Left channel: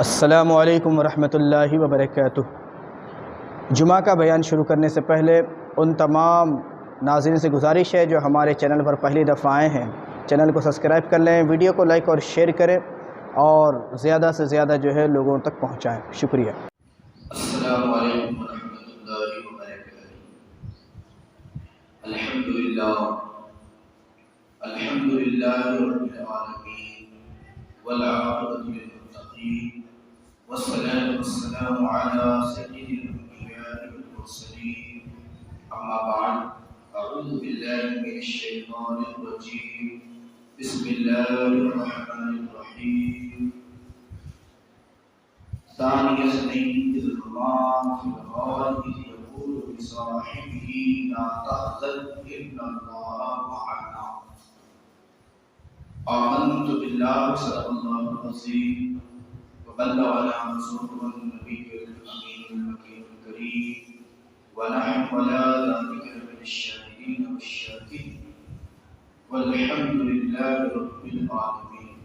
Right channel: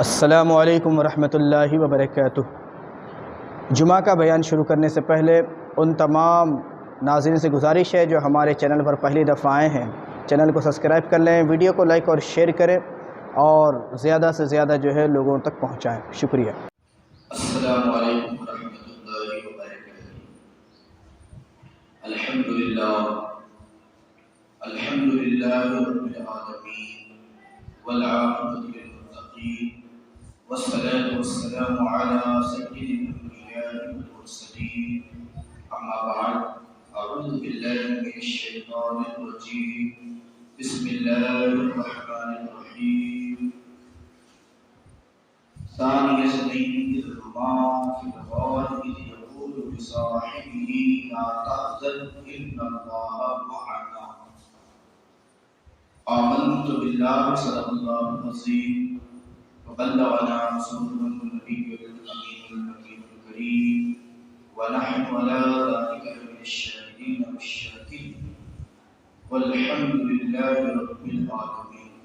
السلام علیکم ورحمۃ اللہ وبرکاتہ۔ جمعہ کا بیان شروع کرنے سے پہلے ان تمام ناظرین سے گزارش ہے جو ہمارے چینل پر پہلی دفعہ آئے ہیں، چینل کو سبسکرائب کر لیں، ویڈیو کو لائک اور شیئر کریں اور زیادہ سے زیادہ لوگوں تک پہنچائیں۔ شکریہ۔ السلام علیکم ورحمۃ اللہ وبرکاتہ۔ الحمدللہ رب العالمین والعاقبۃ للمتقین والصلاة والسلام علی سید الانبیاء والمرسلین، اما بعد، اعوذ باللہ من الشیطان الرجیم، بسم اللہ الرحمن الرحیم۔ ثانی اثنین اذ هما فی الغار اذ یقول لصاحبہ لا تحزن ان اللہ معنا۔ آمنت باللہ صدق اللہ العظیم وبلغنا رسوله النبی الامین المکین الکریم ونحن على ذلك من الشاهدین والشاکرین والحمد للہ رب العالمین۔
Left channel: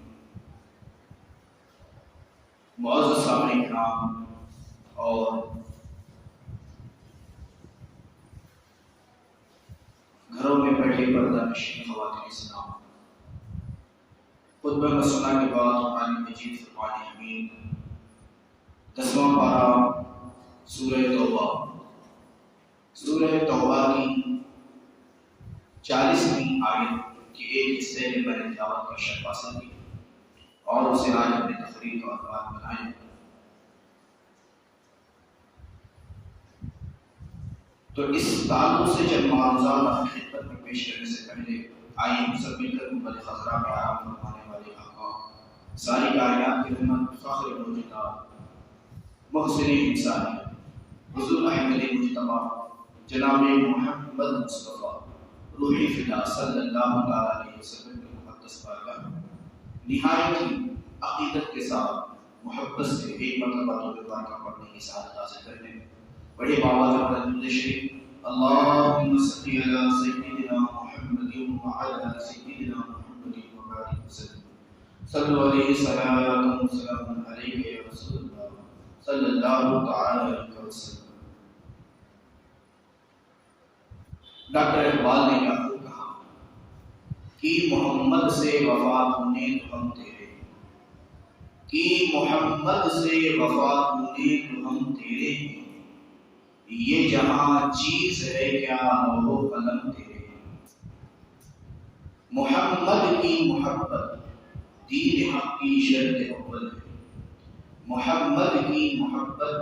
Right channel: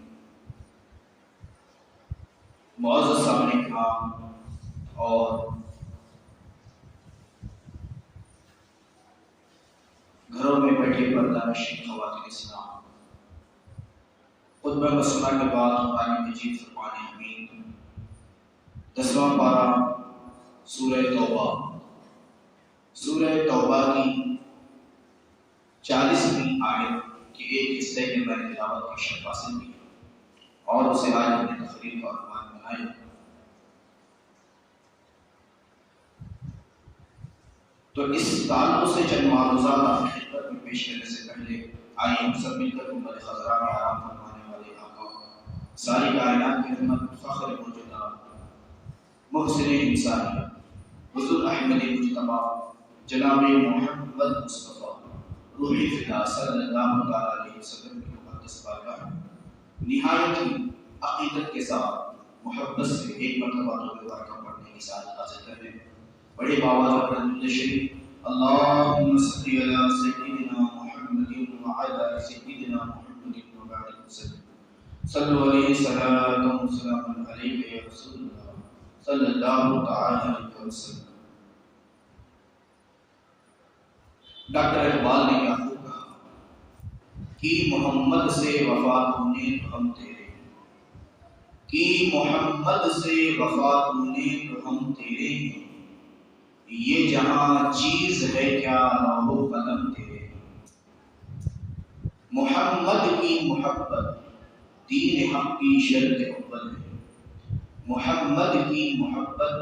معزز سامعین کرام اور گھروں میں بیٹھے پردہ نشین خواتین اسلام، خطبہ مسنہ کے بعد قرآن مجید فرقان حمید 10واں پارہ سورہ توبہ کی 40ویں آیت کے ایک حصے کے میں نے تلاوت کی شرف حاصل کی اور اسے آج اپنے تقریر کا عنوان بنایا۔ تو اس تعلق سے چند معروضات آپ کی خدمت میں پیش کرنے سے پہلے آئیے ہم سب مل کر گنبد خضرا میں آرام فرمانے والے آقا ساری کائنات کی رحمت، فخر موجودہ، محسن انسانی، حضور احمد مجتبی جناب محمد مصطفیٰ روحی فدا صلی اللہ تعالیٰ علیہ وسلم کے مقدس بارگاہ نہایت ہی عقیدت کے ساتھ محبت سے ایک مرتبہ توبہ بارکہ پڑھنے کے ساتھ حاضر کرنے بڑے باوازہ پڑھنے شریف اللہم صلی علی سیدنا محمد وعلی سیدنا محمد وبارک وسلم صلو علیہ صلاۃ و سلام علیہ یا رسول اللہ صلی اللہ تعالی علیہ وسلم۔ ڈاکٹر اقبال نے کیا خوب کہا کہ محمد سے وفات ہونے تو ہم تیرے، کہ محمد سے وفات ہونے تو ہم تیرے ہیں، یہ جہاں چیز ہے کیا لوح و قلم تیرے ہیں۔ محمد کی محبت دین حق کی شرط اول ہے، محمد کی محبت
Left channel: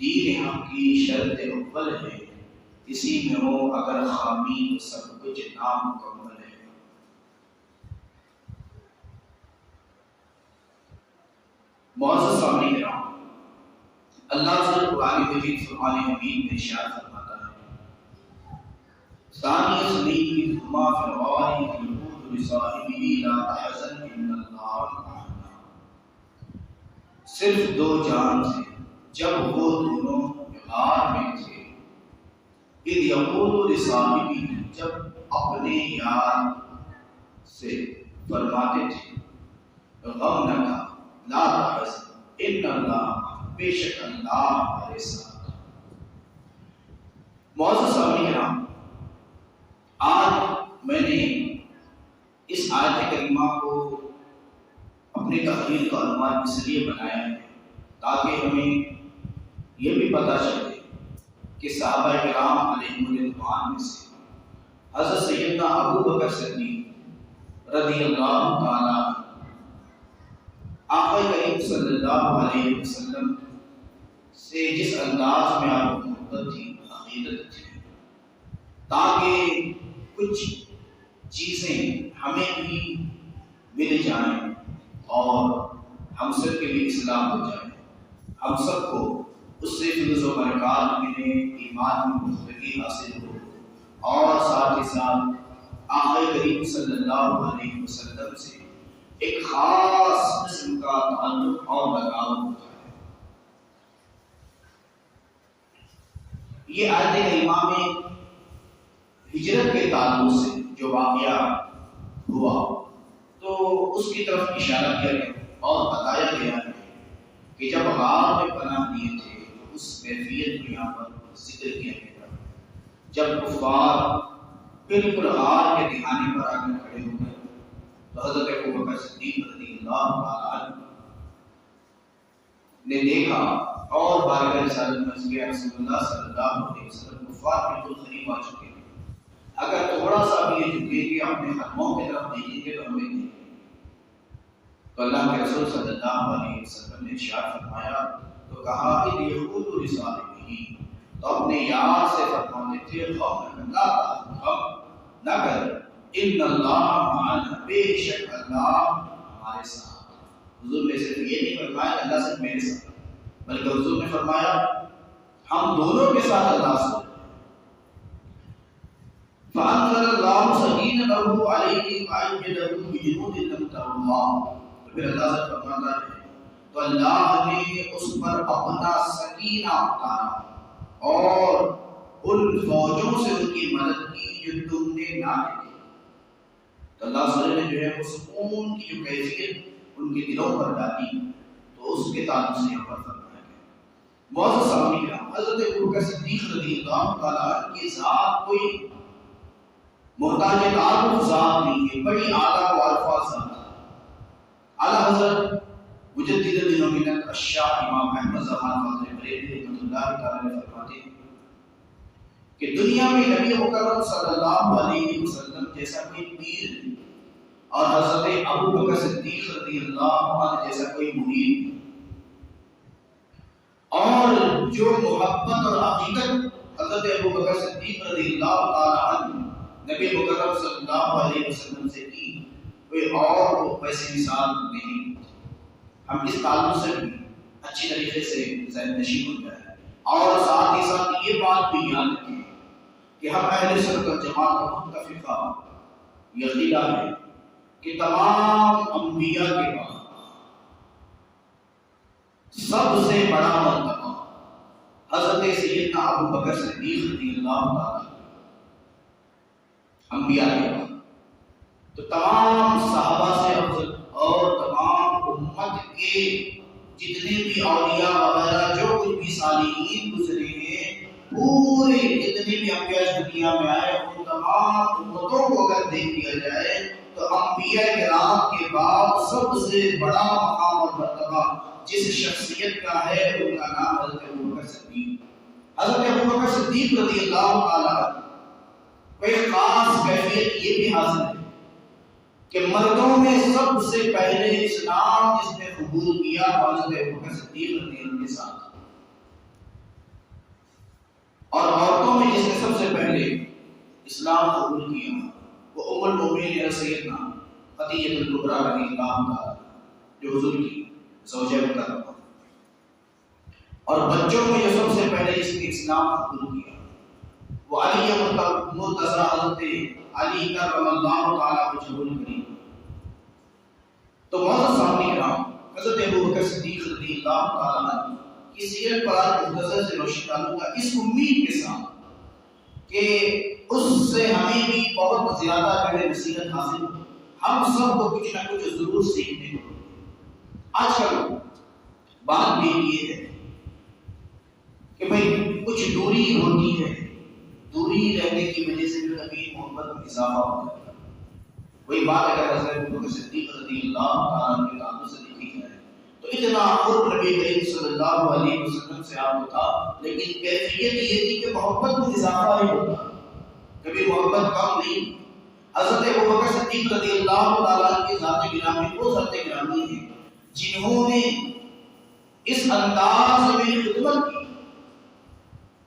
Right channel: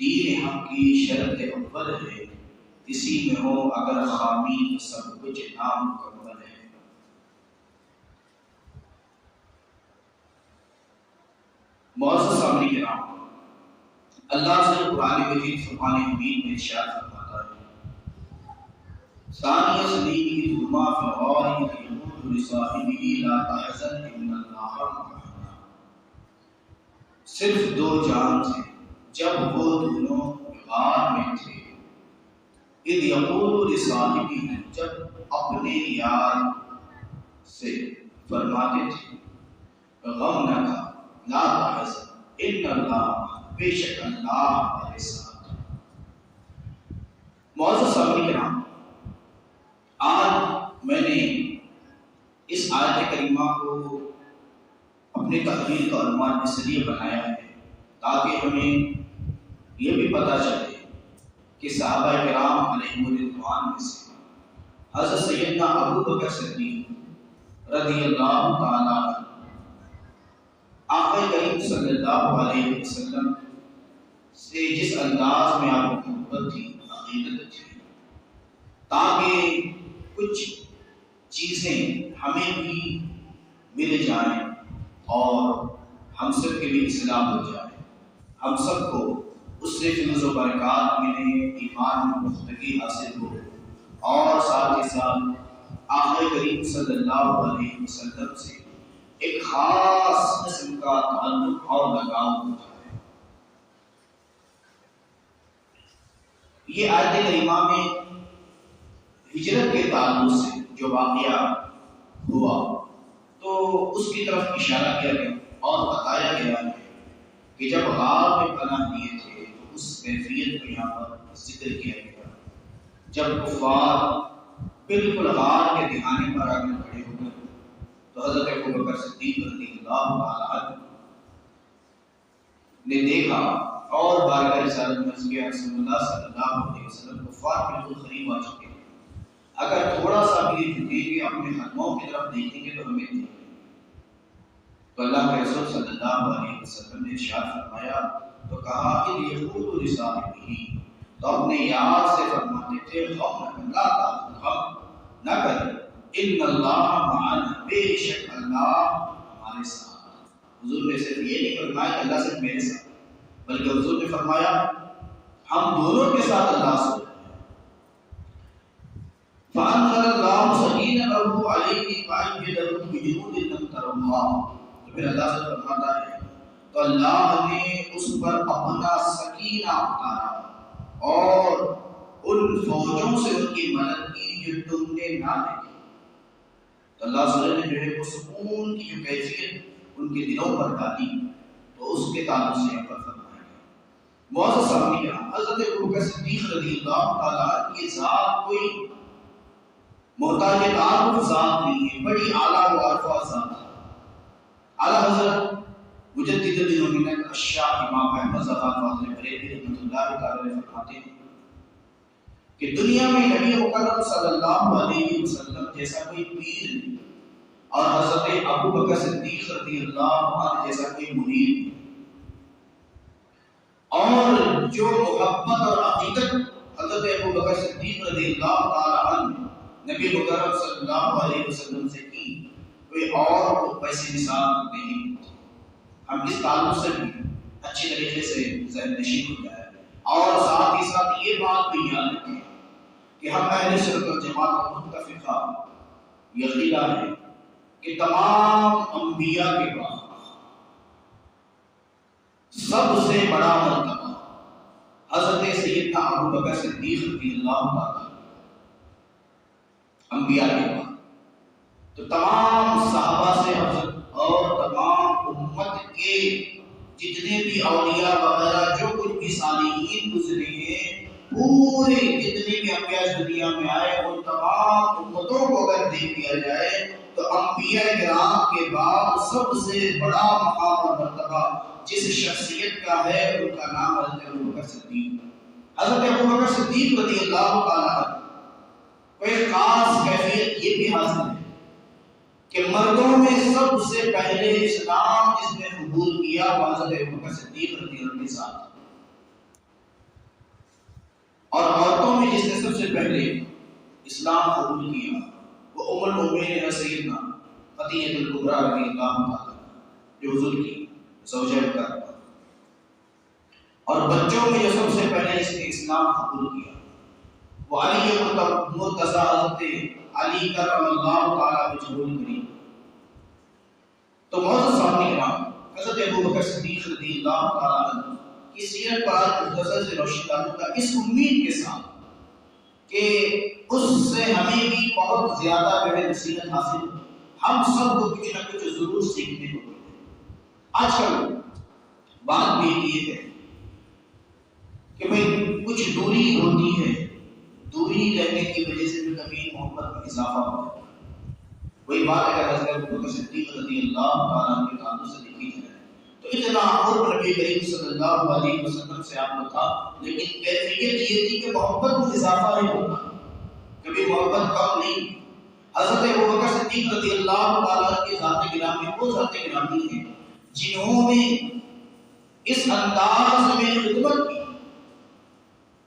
دین حق کی شرط اول ہے، اسی میں ہو اگر خامی تو سب کچھ نامکمل ہے۔ معزز سامعین کرام، اللہ سے قرآن مجید فرقان حمید میں ارشاد فرماتا ہے ثانی اثنین اذ هما فی الغار اذ یقول لصاحبہ لا تحزن ان اللہ معنا۔ صرف دو جان تھے جب وہ دونوں غار میں تھے، اذ یقول لصاحبہ جب اپنے یار سے فرماتے تھے غم نہ کھا، لا تحزن ان اللہ، بے شک اللہ ہمارے ساتھ۔ معزز سامعین کرام، آج میں نے اس آیت کریمہ کو اپنے تقریر کا عنوان اس لیے بنایا ہے تاکہ ہمیں یہ بھی پتہ چلے کہ صحابہ کرام علیہم رضوان میں سے حضرت سیدنا ابو بکر صدیق رضی اللہ تعالیٰ آقا کریم صلی اللہ علیہ وسلم سے جس انداز میں آپ کو محبت تھی، عقیدت تھی، تاکہ کچھ چیزیں ہمیں بھی مل جائیں اور ہم سب کے بھی اصلاح ہو جائے، ہم سب کو اس سے فیض و برکات ملے، ایمان میں پختگی حاصل ہو، اور ساتھ ہی ساتھ آقا کریم صلی اللہ علیہ وسلم سے ایک خاص قسم کا تعلق اور لگاؤ ہو جائے۔ یہ آیت کریمہ میں ہجرت کے تعلق سے جو واقعہ ہوا تو اس کی طرف اشارہ کیا گیا اور بتایا گیا ہے کہ جب غار میں پناہ لیے تھے تو اس کیفیت کو یہاں پر ذکر کیا گیا جب کفار بالکل غار کے دہانے پر آ کر کھڑے ہو گئے تو حضرت ابوبکر صدیق رضی اللہ تعالیٰ عنہ نے دیکھا اور بارگاہ رسالت میں اس کے رسول اللہ صلی اللہ علیہ وسلم کفار بالکل قریب آ چکے ہیں، اگر تھوڑا سا بھی یہ جھکیں گے اپنے حرموں کی طرف دیکھیں گے تو ہمیں دیکھیں گے۔ تو اللہ کے رسول صلی اللہ علیہ وسلم نے ارشاد فرمایا تو کہا کہ یقول لصاحبہ، تو اپنے یار سے فرماتے تھے غم نہ کر، ان اللہ معنا، بے شک اللہ ہمارے ساتھ۔ حضور نے صرف یہ نہیں فرمایا کہ اللہ صرف میرے ساتھ، بلکہ حضور نے فرمایا ہم دونوں کے ساتھ اللہ سے۔ فَأَنزَلَ اللَّهُ سَكِينَتَهُ عَلَيْهِ وَأَيَّدَهُ بِجُنُودٍ لَّمْ تَرَوْهَا، تو پھر اللہ سے فرماتا ہے تو اللہ نے اس پر اپنا سکینہ اتارا اور ان فوجوں سے ان کی مدد کی جو تم نے نہ دیکھی۔ تو اللہ سبحانہ نے جو ہے وہ سکون کی جو کیفیت ان کے دلوں پر ڈالی، تو اس کے تعلق سے یہاں پر فرمایا گیا۔ معزز سامعین کرام، حضرت ابوبکر صدیق رضی اللہ تعالیٰ عنہ کی ذات کوئی محتاج تعارف ذات نہیں ہے، بڑی اعلیٰ و عارفہ ذات ہے۔ اعلیٰ حضرت مجدد دین و ملت الشاہ امام احمد زغال فاضل بریلوی رحمۃ اللہ تعالیٰ علیہ فرماتے ہیں کہ دنیا میں نبی مکرم صلی اللہ علیہ وسلم جیسا کوئی پیر نہیں، اور حضرت ابوبکر صدیق رضی اللہ عنہ جیسا کوئی مرید نہیں، اور جو محبت اور عقیدت حضرت ابوبکر صدیق رضی اللہ تعالی عنہ نبی مکرم صلی اللہ علیہ وسلم سے کی، کوئی اور ویسے مثال نہیں۔ ہم اس تعلق سے بھی اچھی طریقے سے ذہن نشین ہو جائے، اور ساتھ ہی ساتھ یہ بات بھی یاد رکھیں کہ ہم اہل سنت والجماعت کا متفقہ عقیدہ ہے کہ تمام انبیاء کے بعد سب سے بڑا مرتبہ حضرت سیدنا ابوبکر صدیق رضی اللہ تعالی انبیاء کے بعد، تو تمام صحابہ سے افضل اور تمام امت کے جتنے بھی اولیاء وغیرہ جو کچھ بھی صالحین گزرے ہیں، پورے جتنے بھی انبیاء دنیا میں آئے ان تمام امتوں کو اگر دیکھ لیا جائے تو انبیاء کرام کے بعد سب سے بڑا مقام اور مرتبہ جس شخصیت کا ہے ان کا نام حضرت ابوبکر صدیق۔ حضرت ابوبکر صدیق رضی اللہ تعالیٰ عنہ ایک خاص کیفیت یہ بھی حاصل ہے کہ مردوں میں سب سے پہلے اسلام جس نے قبول کیا وہ حضرت ابوبکر صدیق رضی اللہ عنہ کے ساتھ، اور عورتوں میں جس نے سب سے پہلے اسلام قبول کیا وہ ام المؤمنین سیدنا خدیجہ الکبریٰ رضی اللہ تعالی جو حضور کی زوجہ مکرمہ، اور بچوں میں جو سب سے پہلے جس نے اسلام قبول کیا وہ علی مرتضی حضرت علی کرم اللہ تعالیٰ وجہہ الکریم۔ تو معزز سامعین کرام، حضرت ابوبکر صدیق رضی اللہ تعالیٰ عنہ کی سیرت پر آج مختصر سے روشنی ڈالوں گا، اس امید کے ساتھ کہ اس سے ہمیں بھی بہت زیادہ جو ہے نصیحت حاصل، ہم سب کو کچھ نہ کچھ ضرور سیکھنے کو ملے۔ آج کل بات بھی یہ ہے کہ بھئی کچھ دوری ہوتی ہے، دوری رہنے کی وجہ سے بھی کبھی محبت میں اضافہ ہوتا ہے۔ وہی بات اگر حضرت ابوبکر صدیق رضی اللہ تعالیٰ عنہ کے تعلق سے دیکھی جائے تو اتنا قرب نبی کریم صلی اللہ علیہ وسلم سے آپ کو تھا، لیکن کیفیت یہ تھی کہ محبت میں اضافہ ہی ہوتا، کبھی محبت کم نہیں۔ حضرت ابوبکر صدیق رضی اللہ تعالیٰ عنہ کی ذات گرامی وہ ذات گرامی ہیں جنہوں نے اس انداز میں خدمت کی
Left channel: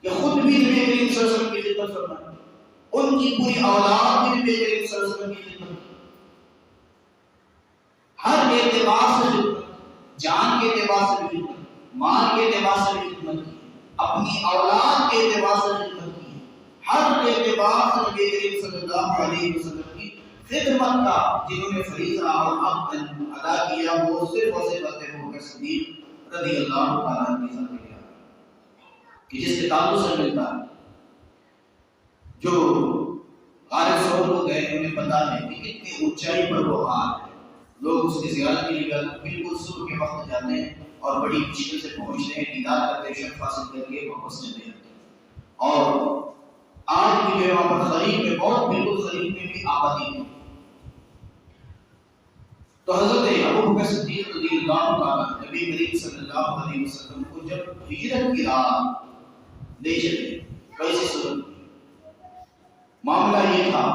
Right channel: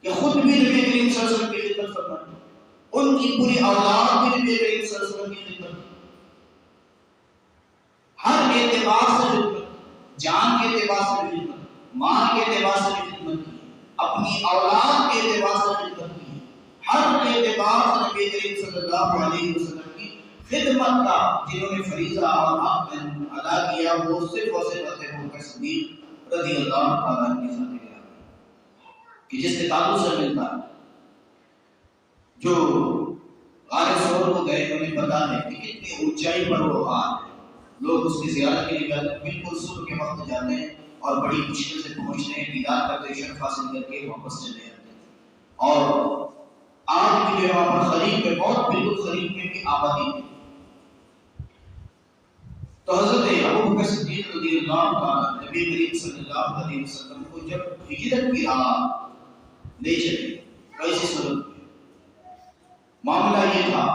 کہ خود بھی نبی کریم صلی اللہ علیہ وسلم کی خدمت فرمائی، ان کی پوری اولاد بھی نبی کریم صلی اللہ علیہ وسلم کی خدمت، ہر اعتبار سے خدمت، جان کے اعتبار سے بھی خدمت، مال کے اعتبار سے بھی خدمت کی، اپنی اولاد کے اعتبار سے خدمت کی، ہر اعتبار سے نبی کریم صلی اللہ علیہ وسلم کی خدمت کا جنہوں نے فریضہ اور حق ادا کیا وہ صرف اور صرف حضرت ابوبکر صدیق رضی اللہ تعالیٰ عنہ کی ذات کہ جس کے تعلق سے ملتا ہے، جو غار ثور کو گئے انہیں پتا ہے کہ کتنی اونچائی پر وہ غار ہے، لوگ اس کی زیارت کے لیے بالکل صبح کے وقت جاتے ہیں اور بڑی مشکل سے پہنچتے ہیں، دیدار کرتے ہیں، شرف حاصل کر کے واپس چلے جاتے ہیں۔ اور آج بھی جو ہے وہاں پر قریب میں، بہت بالکل قریب میں بھی آبادی ہے۔ تو حضرت ابو بکر صدیق رضی اللہ تعالیٰ نبی کریم صلی اللہ علیہ وسلم کو جب ہجرت کی راہ لے چلے، کیسے صورت معاملہ یہ تھا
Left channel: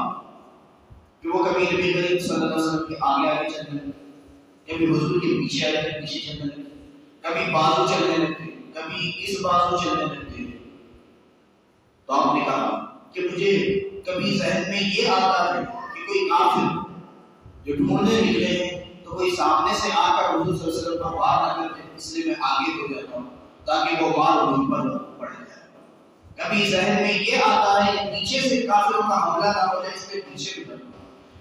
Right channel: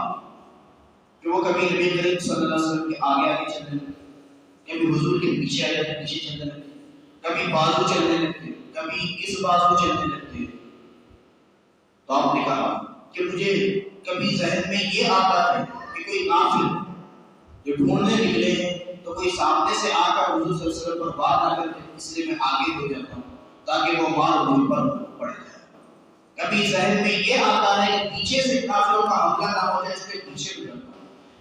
کہ وہ کبھی نبی کریم صلی اللہ علیہ وسلم کے آگے آگے چلنے لگتے، کبھی حضور کے پیچھے پیچھے چلنے لگتے، کبھی بازو چلنے لگتے، کبھی اس بازو چلنے لگتے۔ تو آپ نے کہا کہ مجھے کبھی ذہن میں یہ آتا ہے کہ کوئی کافر جو ڈھونڈنے نکلے ہیں تو کوئی سامنے سے آ کر حضور صلی اللہ علیہ وسلم پر وار نہ کرتے، اس لیے میں آگے ہو جاتا ہوں تاکہ وہ وار مجھ پر پڑ جائے۔ کبھی ذہن میں یہ آتا ہے کہ پیچھے سے کافروں کا حملہ نہ ہو جائے، اس کے پیچھے ہو جاتا ہوں۔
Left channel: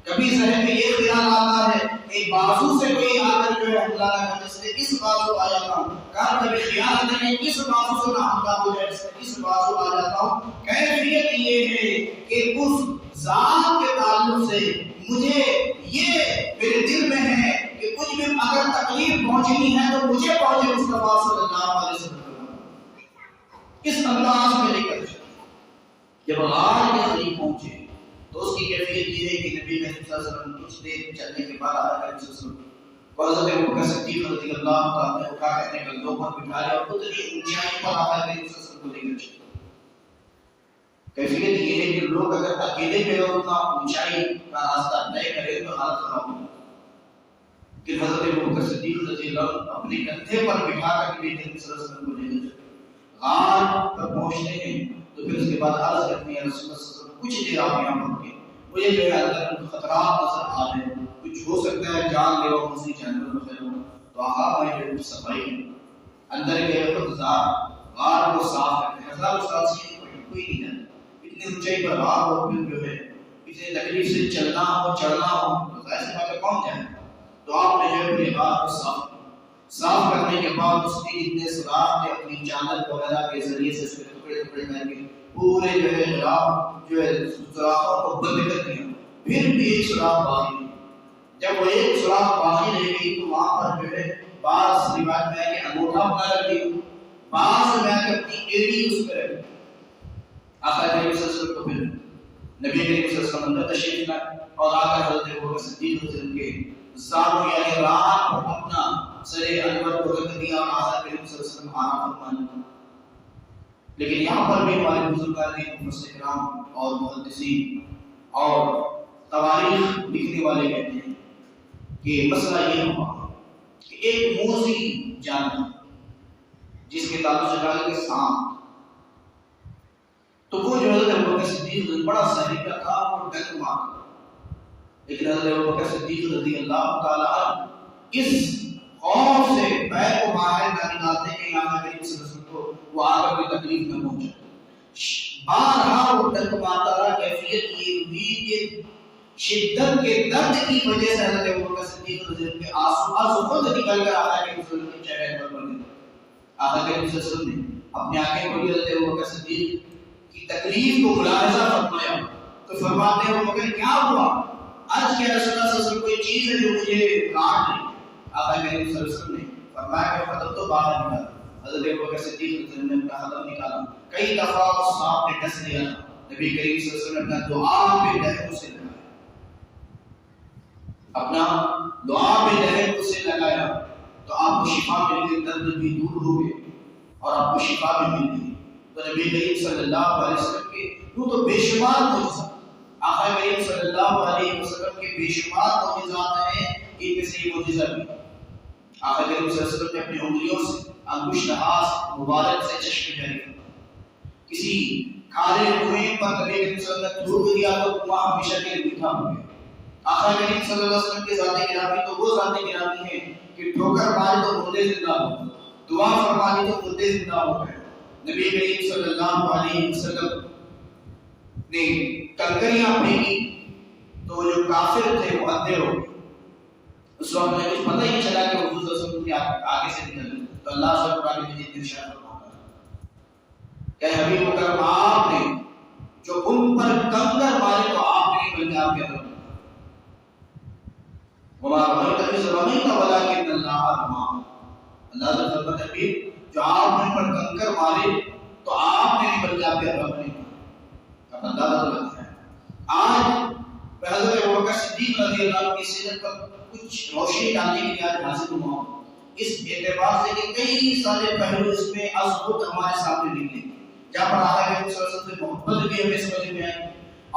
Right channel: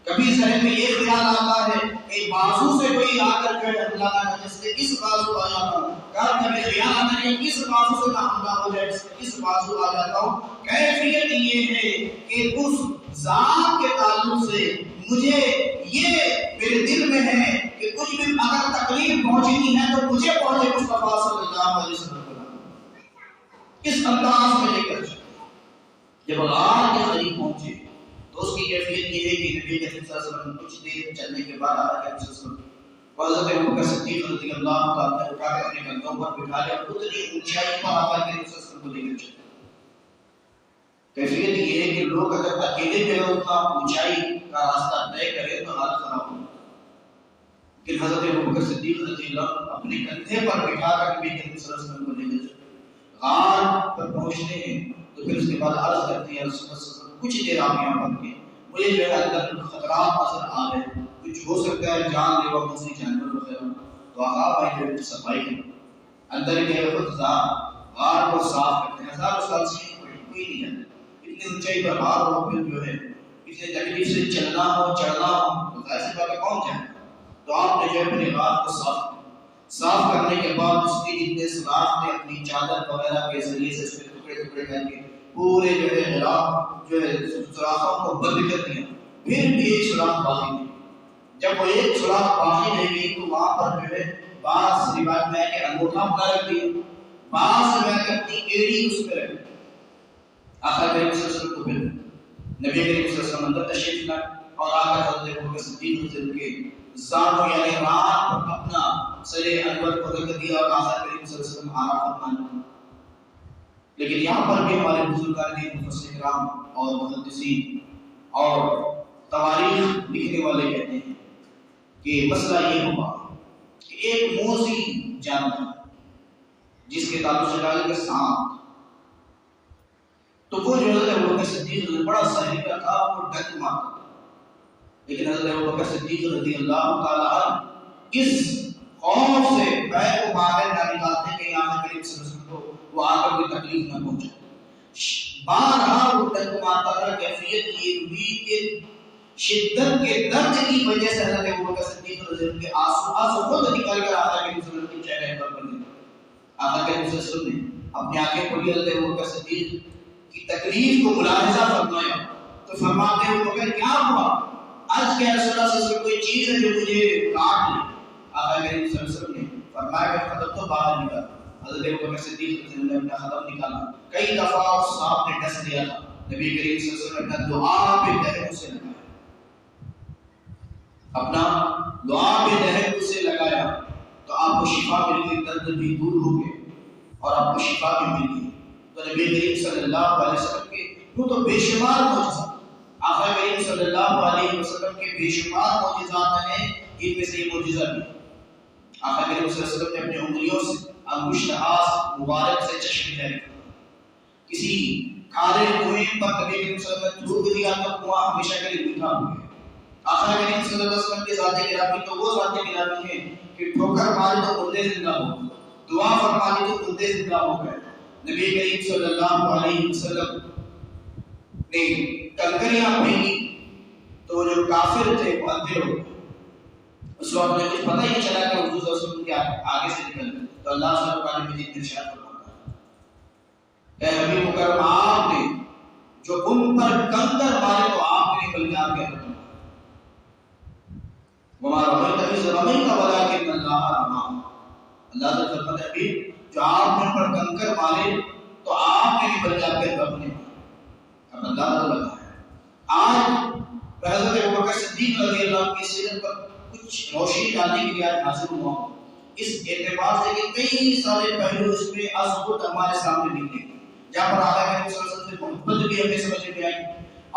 کبھی ذہن میں یہ خیال آتا ہے کہ بازو سے کوئی آ کر جو ہے حملہ نہ کرے، اس لیے اس بازو آ جاتا ہوں۔ کبھی خیال آتا ہے کہ اس بازو سے نہ حملہ ہو جائے، اس لیے اس بازو آ جاتا ہوں۔ کیفیت یہ ہے کہ اس ذات کے تعلق سے مجھے یہ میرے دل میں ہے کہ کچھ بھی اگر تکلیف پہنچنی ہے تو مجھے پہنچے مصطفیٰ صلی اللہ علیہ وسلم اس انداز میں لے کر جب غار کے قریب پہنچے تو اس کی کیفیت یہ ہے کہ نبی کریم صلی اللہ علیہ وسلم کچھ دیر چلنے کے بعد آقا کریم صلی اللہ علیہ وسلم کو حضرت ابوبکر صدیق رضی اللہ تعالیٰ نے اٹھا کر اپنے کندھوں پر بٹھا لیا اور اتنی اونچائی پر آقا کریم صلی اللہ علیہ وسلم کو لے کر چلے۔ کیفیت یہ ہے کہ لوگ اگر اکیلے جو ہے اتنا اونچائی کا راستہ طے کرے تو حالت خراب ہو جاتی ہے، کہ حضرت ابوبکر صدیق رضی اللہ اپنے کندھے پر بٹھا کر نبی کریم صلی اللہ علیہ وسلم کو لے کر چلے۔ غار پر پہنچتے ہیں تو پھر اس کے بعد عرض کرتے ہیں رسول اللہ صلی اللہ علیہ وسلم کچھ دیر آپ یہاں رکیں، مجھے جو ہے اندر خطرات نظر آ رہے ہیں، کچھ ہو سکتا ہے جان لیوا دوسری جانور وغیرہ ہو۔ تو آپ میں جو صفائی ہے اندر کے غار کو صاف کرتے ہیں، ہزاروں سال سے کوئی نہیں جاتا، اتنی اونچائی پر غار ہو، پھر جو ہے اتنی تکلیف سے چلنا ہو چڑھنا ہو تو ظاہر سی بات ہے کون جائے۔ تو آپ نے جو ہے پھر غار کو صاف کرنے کے بعد اس کے جتنے سوراخ تھے اپنی چادر وغیرہ کے ذریعے سے اس کے ٹکڑے ٹکڑے کر کے پورے جو ہے غلاف جو ہے سوراخوں کو بند کر دیا، پھر بھی ایک سوراخ باقی نہیں۔ جب وہ ایک سوراخ باقی رہ گئی تو وہاں پر جو ہے بعض روایت میں ہے کہ انگوٹھا اپنا رکھ دیا، بعض میں ہے کہ اپنی ایڑی اس پہ رکھ دی۔ آقا کریم صلی اللہ علیہ وسلم کو پھر نبی کریم صلی اللہ علیہ وسلم اندر تشریف لائے اور آ کر حضرت ابوبکر صدیق رضی اللہ کے زانو یعنی رات پر اپنا سر انور کو رکھ دیا اور آقا کریم صلی اللہ علیہ وسلم آرام فرمانے لگے۔ لیکن یہاں پر بھی ہمارے بزرگان دین مفسر کرام اور محدثین اور تواریخ لکھنے والے کہتے ہیں کہ مسئلہ یہ ہوا کہ ایک موذی جانور جس کے تعلق سے کہا کہ سانپ، تو وہ جو حضرت ابوبکر صدیق بڑا سہریلا تھا، وہ ڈک مارتا، لیکن حضرت ابوبکر صدیق رضی اللہ تعالیٰ عنہ اس خوف سے پیر کو باہر نہ نکالتے کہ آقا کریم صلی اللہ علیہ وسلم کو وہ آ کر کوئی تکلیف نہ پہنچے، بارہا وہ ڈک مارتا رہا۔ کیفیت یہ ہوئی کہ شدت کے درد کی وجہ سے حضرت ابوبکر صدیق رضی اللہ عنہ کے آنسو خود نکل کر آقا کریم صلی اللہ علیہ وسلم کے چہرے پر پڑ گئے۔ آقا کریم صلی اللہ علیہ وسلم نے اپنی آنکھیں کھولی، حضرت ابوبکر صدیق کی تکلیف کو ملاحظہ فرمایا تو فرماتے ہیں ابوبکر کیا ہوا؟ آج کیا رسول اللہ صلی اللہ علیہ وسلم کوئی چیز ہے جو مجھے کاٹ لی؟ آقا کریم صلی اللہ علیہ وسلم نے فرمایا کہ خطب تو باہر نکال۔ حضرت ابوبکر صدیق رضی اللہ عنہ نے اپنا خطب نکالا، کئی دفعہ اس سانپ نے ڈس لیا تھا، نبی کریم صلی اللہ علیہ وسلم نے دعا پہ دہن اسے لگایا، اپنا دعا پہ دہن اسے لگایا تو آپ کو شفا مل گئی، درد بھی دور ہو گئے اور آپ کو شفا بھی مل گئی۔ تو نبی کریم صلی اللہ علیہ وسلم کے وہ تو بے شمار معجزات، آقا کریم صلی اللہ علیہ وسلم کے بے شمار معجزات ہیں، ان میں سے یہ معجزہ بھی آقا کریم صلی اللہ علیہ وسلم نے اپنی انگلیوں سے انگشت ہاتھ مبارک سے چشمے جاری کیا، کسی کھارے کنویں پر نبی کریم صلی اللہ علیہ وسلم نے تھوک دیا تو کنواں ہمیشہ کے لیے میٹھا ہو گیا۔ آقا کریم صلی اللہ علیہ وسلم کے ذات گرامی تو وہ ذات گرامی ہے کہ ٹھوکر ماری تو مردے زندہ ہو گئے، دعا فرما دی تو مردے زندہ ہو گئے۔ نبی کریم صلی اللہ علیہ وسلم نے کنکریاں پھینکی تو جو کافر تھے وہ اندھے ہو گئے، اس وقت نے کچھ پتہ ہی نہیں چلا کہ حضور صلی اللہ علیہ وسلم کے آگے سے نکل گئے۔ تو اللہ صلی اللہ علیہ وسلم ارشاد فرماتا ہے اے حبیب مکرم آپ نے جو ان پر کنکر مارے تو آپ نہیں بلکہ آپ کے رب وما رمیت اذ رمیت ولکن اللہ رمی۔ اللہ تعالیٰ فرماتا ہے جو آپ نے پر کنکر مارے تو آپ نے نہیں بلکہ آپ کے رب نے اب اندازہ لگا ہے۔ آج حضرت ابوبکر صدیق رضی اللہ عنہ کی سیرت پر کچھ روشنی ڈالنے کے لیے آج حاضر ہوا ہوں، اس اعتبار سے کہ کئی سارے پہلو اس میں ازبط ہمارے سامنے نکلے، جہاں پر آقا کریم صلی اللہ علیہ وسلم سے محبت بھی ہمیں سمجھ میں آئی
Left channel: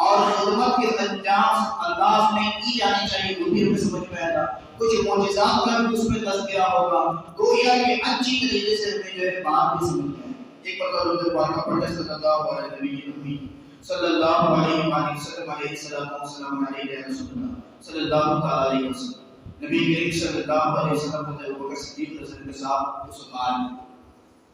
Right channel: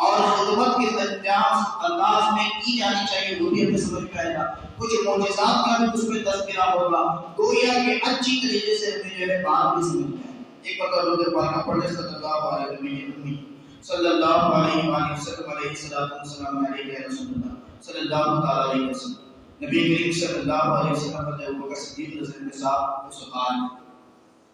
اور خدمت کے انجام انداز میں کی جانی چاہیے وہ بھی ہمیں سمجھ میں آئے گا، کچھ معجزات کا بھی اس میں تذکرہ ہوگا، گویا کہ اچھی طریقے سے ہمیں جو ہے بات بھی سمجھ میں آئے۔ ایک مرتبہ درود پاک پڑھ لیں صلی اللہ علیہ وسلم صلی اللہ علیہ وآلہ وسلم علیہ السلام علیہ رسول اللہ صلی اللہ تعالی علیہ وسلم۔ نبی کریم صلی اللہ علیہ وسلم نے ابوبکر صدیق رضی اللہ عنہ کے ساتھ اس حال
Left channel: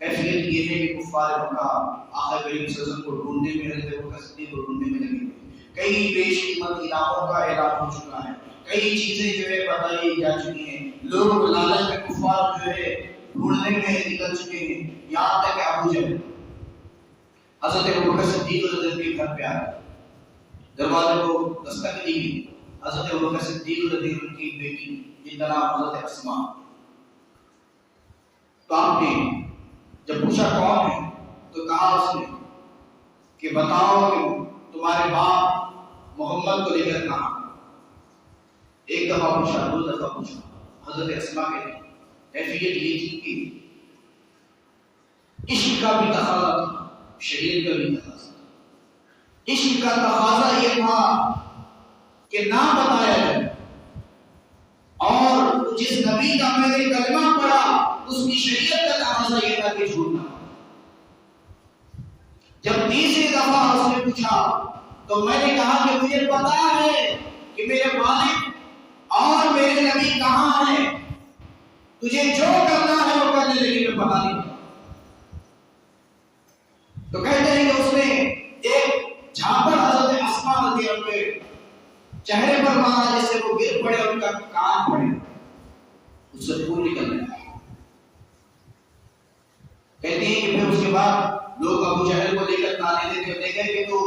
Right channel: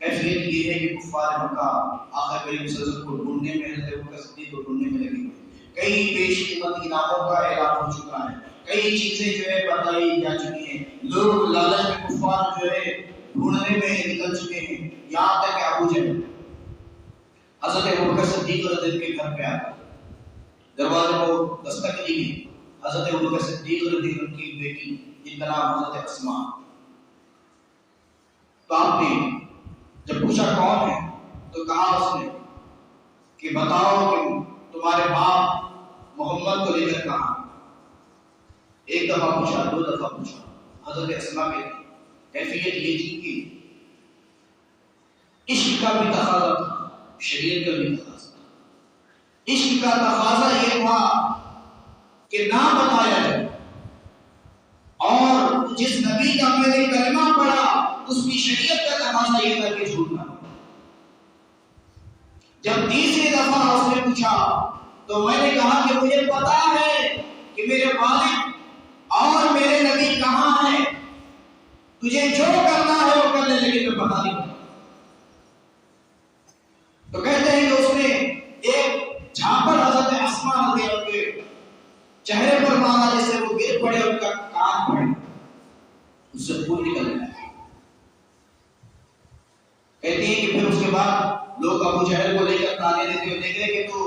کیفیت یہ ہے کہ کفار مکہ آقا کریم صلی اللہ علیہ وسلم کو ڈھونڈنے میں حضرت ابوبکر صدیق کو ڈھونڈنے میں لگے ہوئے، کئی پیش قیمت انعاموں کا اعلان ہو چکا ہے، کئی چیزیں جو ہے بتائی جا چکی ہیں، لوگ لالچ میں کفار جو ہے ڈھونڈنے میں نکل چکے ہیں، یہاں تک کہ ابو جہل حضرت ابوبکر صدیق رضی اللہ عنہ کے گھر پہ آیا، دروازے کو دستک دی گئی، حضرت ابوبکر صدیق رضی اللہ عنہ کی بیٹی جن کا نام حضرت اسماء، تو آپ نے جب پوچھا کون ہے تو کہا اس نے کہ بتاؤ کہ تمہارے باپ محمد کو لے کر کہاں؟ ایک دفعہ پوچھا، دو دفعہ پوچھا، حضرت اسماء کہتی کیفیت یہ تھی کہ عشق کا بھی تقاضا تھا، شریعت کا بھی تقاضا تھا۔ عشق کا تقاضا یہ تھا کہ نہ بتایا جائے، اور جس نبی کا میں نے کلمہ پڑھا اس کی شریعت کا تقاضا یہ تھا کہ جھوٹ نہ۔ جب تیسری دفعہ اس نے پوچھا تو میں نے کہا کہ مجھے پتا ہے کہ میرے والد اور میرے نبی کہاں ہیں، تجھے جو کرنا ہے وہ کرنے، لیکن میں بتا نہیں پڑا۔ تو کہتے ہیں کہ اس نے ایک جھاپڑ حضرت اسماء رضی اللہ عنہ کے چہرے پر مارا جس سے وہ گر پڑے، ان کا کان پھٹ، اس سے خون نکل گیا۔ کہتی ہیں کہ پھر اس کے بعد لوگ ابو جہل کو لے کر تانے دیتے ہوئے دیکھے کہ تو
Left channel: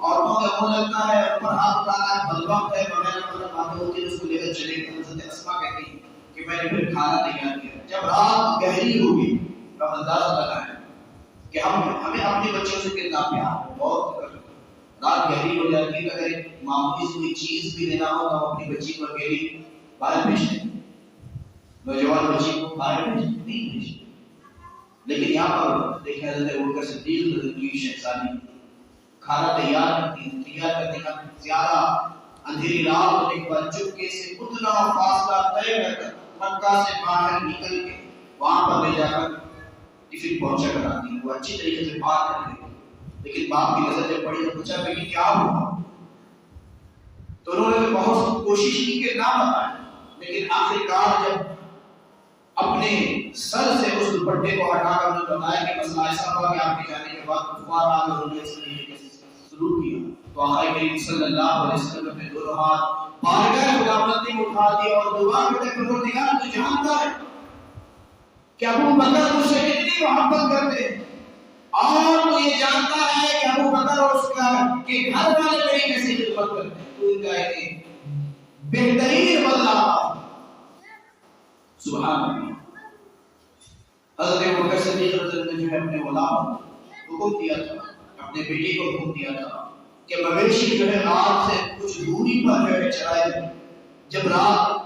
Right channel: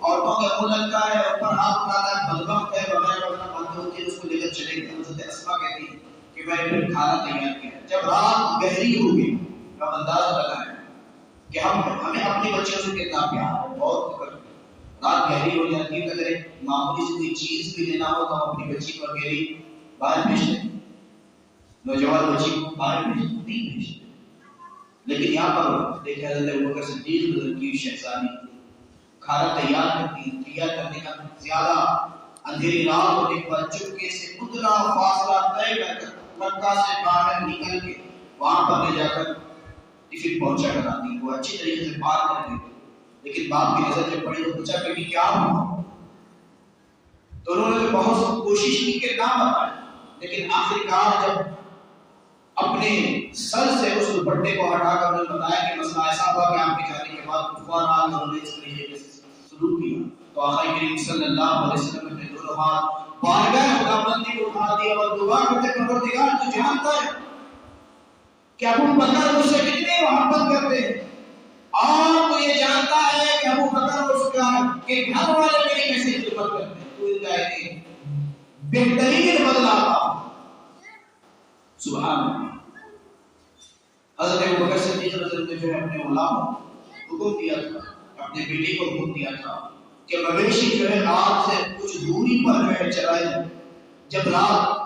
عورتوں کا منہ لگتا ہے، اوپر ہاتھ اٹھاتا ہے، بدبخت ہے، وغیرہ وغیرہ باتیں ہوتی ہیں، اس کو لے کر چلے گئے۔ حضرت اسماء کہتی ہیں کہ میں نے پھر کھانا تیار کیا، جب رات گہری ہوگی تو اندازہ لگائیں کہ ہمیں اپنے بچوں سے کتنا پیار ہے، بہت رات گہری ہو جاتی ہے، اگر ایک معمولی سی کوئی چیز بھی لینا ہو تو ہم اپنی بچی کو اکیلی باہر بھیجتے ہیں، نوجوان بچی کو باہر نہیں بھیجتے، لیکن یہاں پر دیکھیں حضرت ابوبکر صدیق رضی اللہ عنہ کی شہزادی کھانا تیار کرتی ہے، تیار کرنے کا زیادہ اندھیری رات ہونے کے بعد چپکے سے اتنا فاصلہ طے کر مکہ سے باہر نکل کے وہاں پر لے جا کر ٹفن پہنچا کر آتی ہے، وہ اچھی طریقے سے بات کر لیتی، لیکن باپ کی نظر جب پڑی تو پوچھا کہ کیا ہوا، تو انہوں نے بہت کوشش کی کہ نہ بتائیں، لیکن آخر کار جب اپنے سر سے اس دوپٹے کو ہٹا کر انہوں نے بتایا کہ مسئلہ ایسا ہوا کہ آپ کے جانے کے بعد کفار آج انہوں نے اس طریقے سے سلوک کیا، تو آقا کریم صلی اللہ علیہ وسلم نے اپنے دونوں ہاتھ بارگاہ خداوندی کو اٹھا دیا اور دعا کرتے پروردگار تو جانتا ہے کہ ابو بکر مجھ سے کتنی محبت کرتے ہیں، اور تو یہ جانتا ہے کہ ابو بکر اور اس کا کہ گھر والے میری کیسی خدمت کرتے ہیں، تو ان کا ایک بہترین بدلہ سبحان اللہ۔ حضرت ابوبکر صدیق رضی اللہ عنہ نے جو ہے اپنے غلام حکم دیا تھا، اپنے بیٹے کو حکم دیا تھا کہ مویشی جو ہے غار سے کچھ دوری پر جو ہے چرائے جائے، جب رات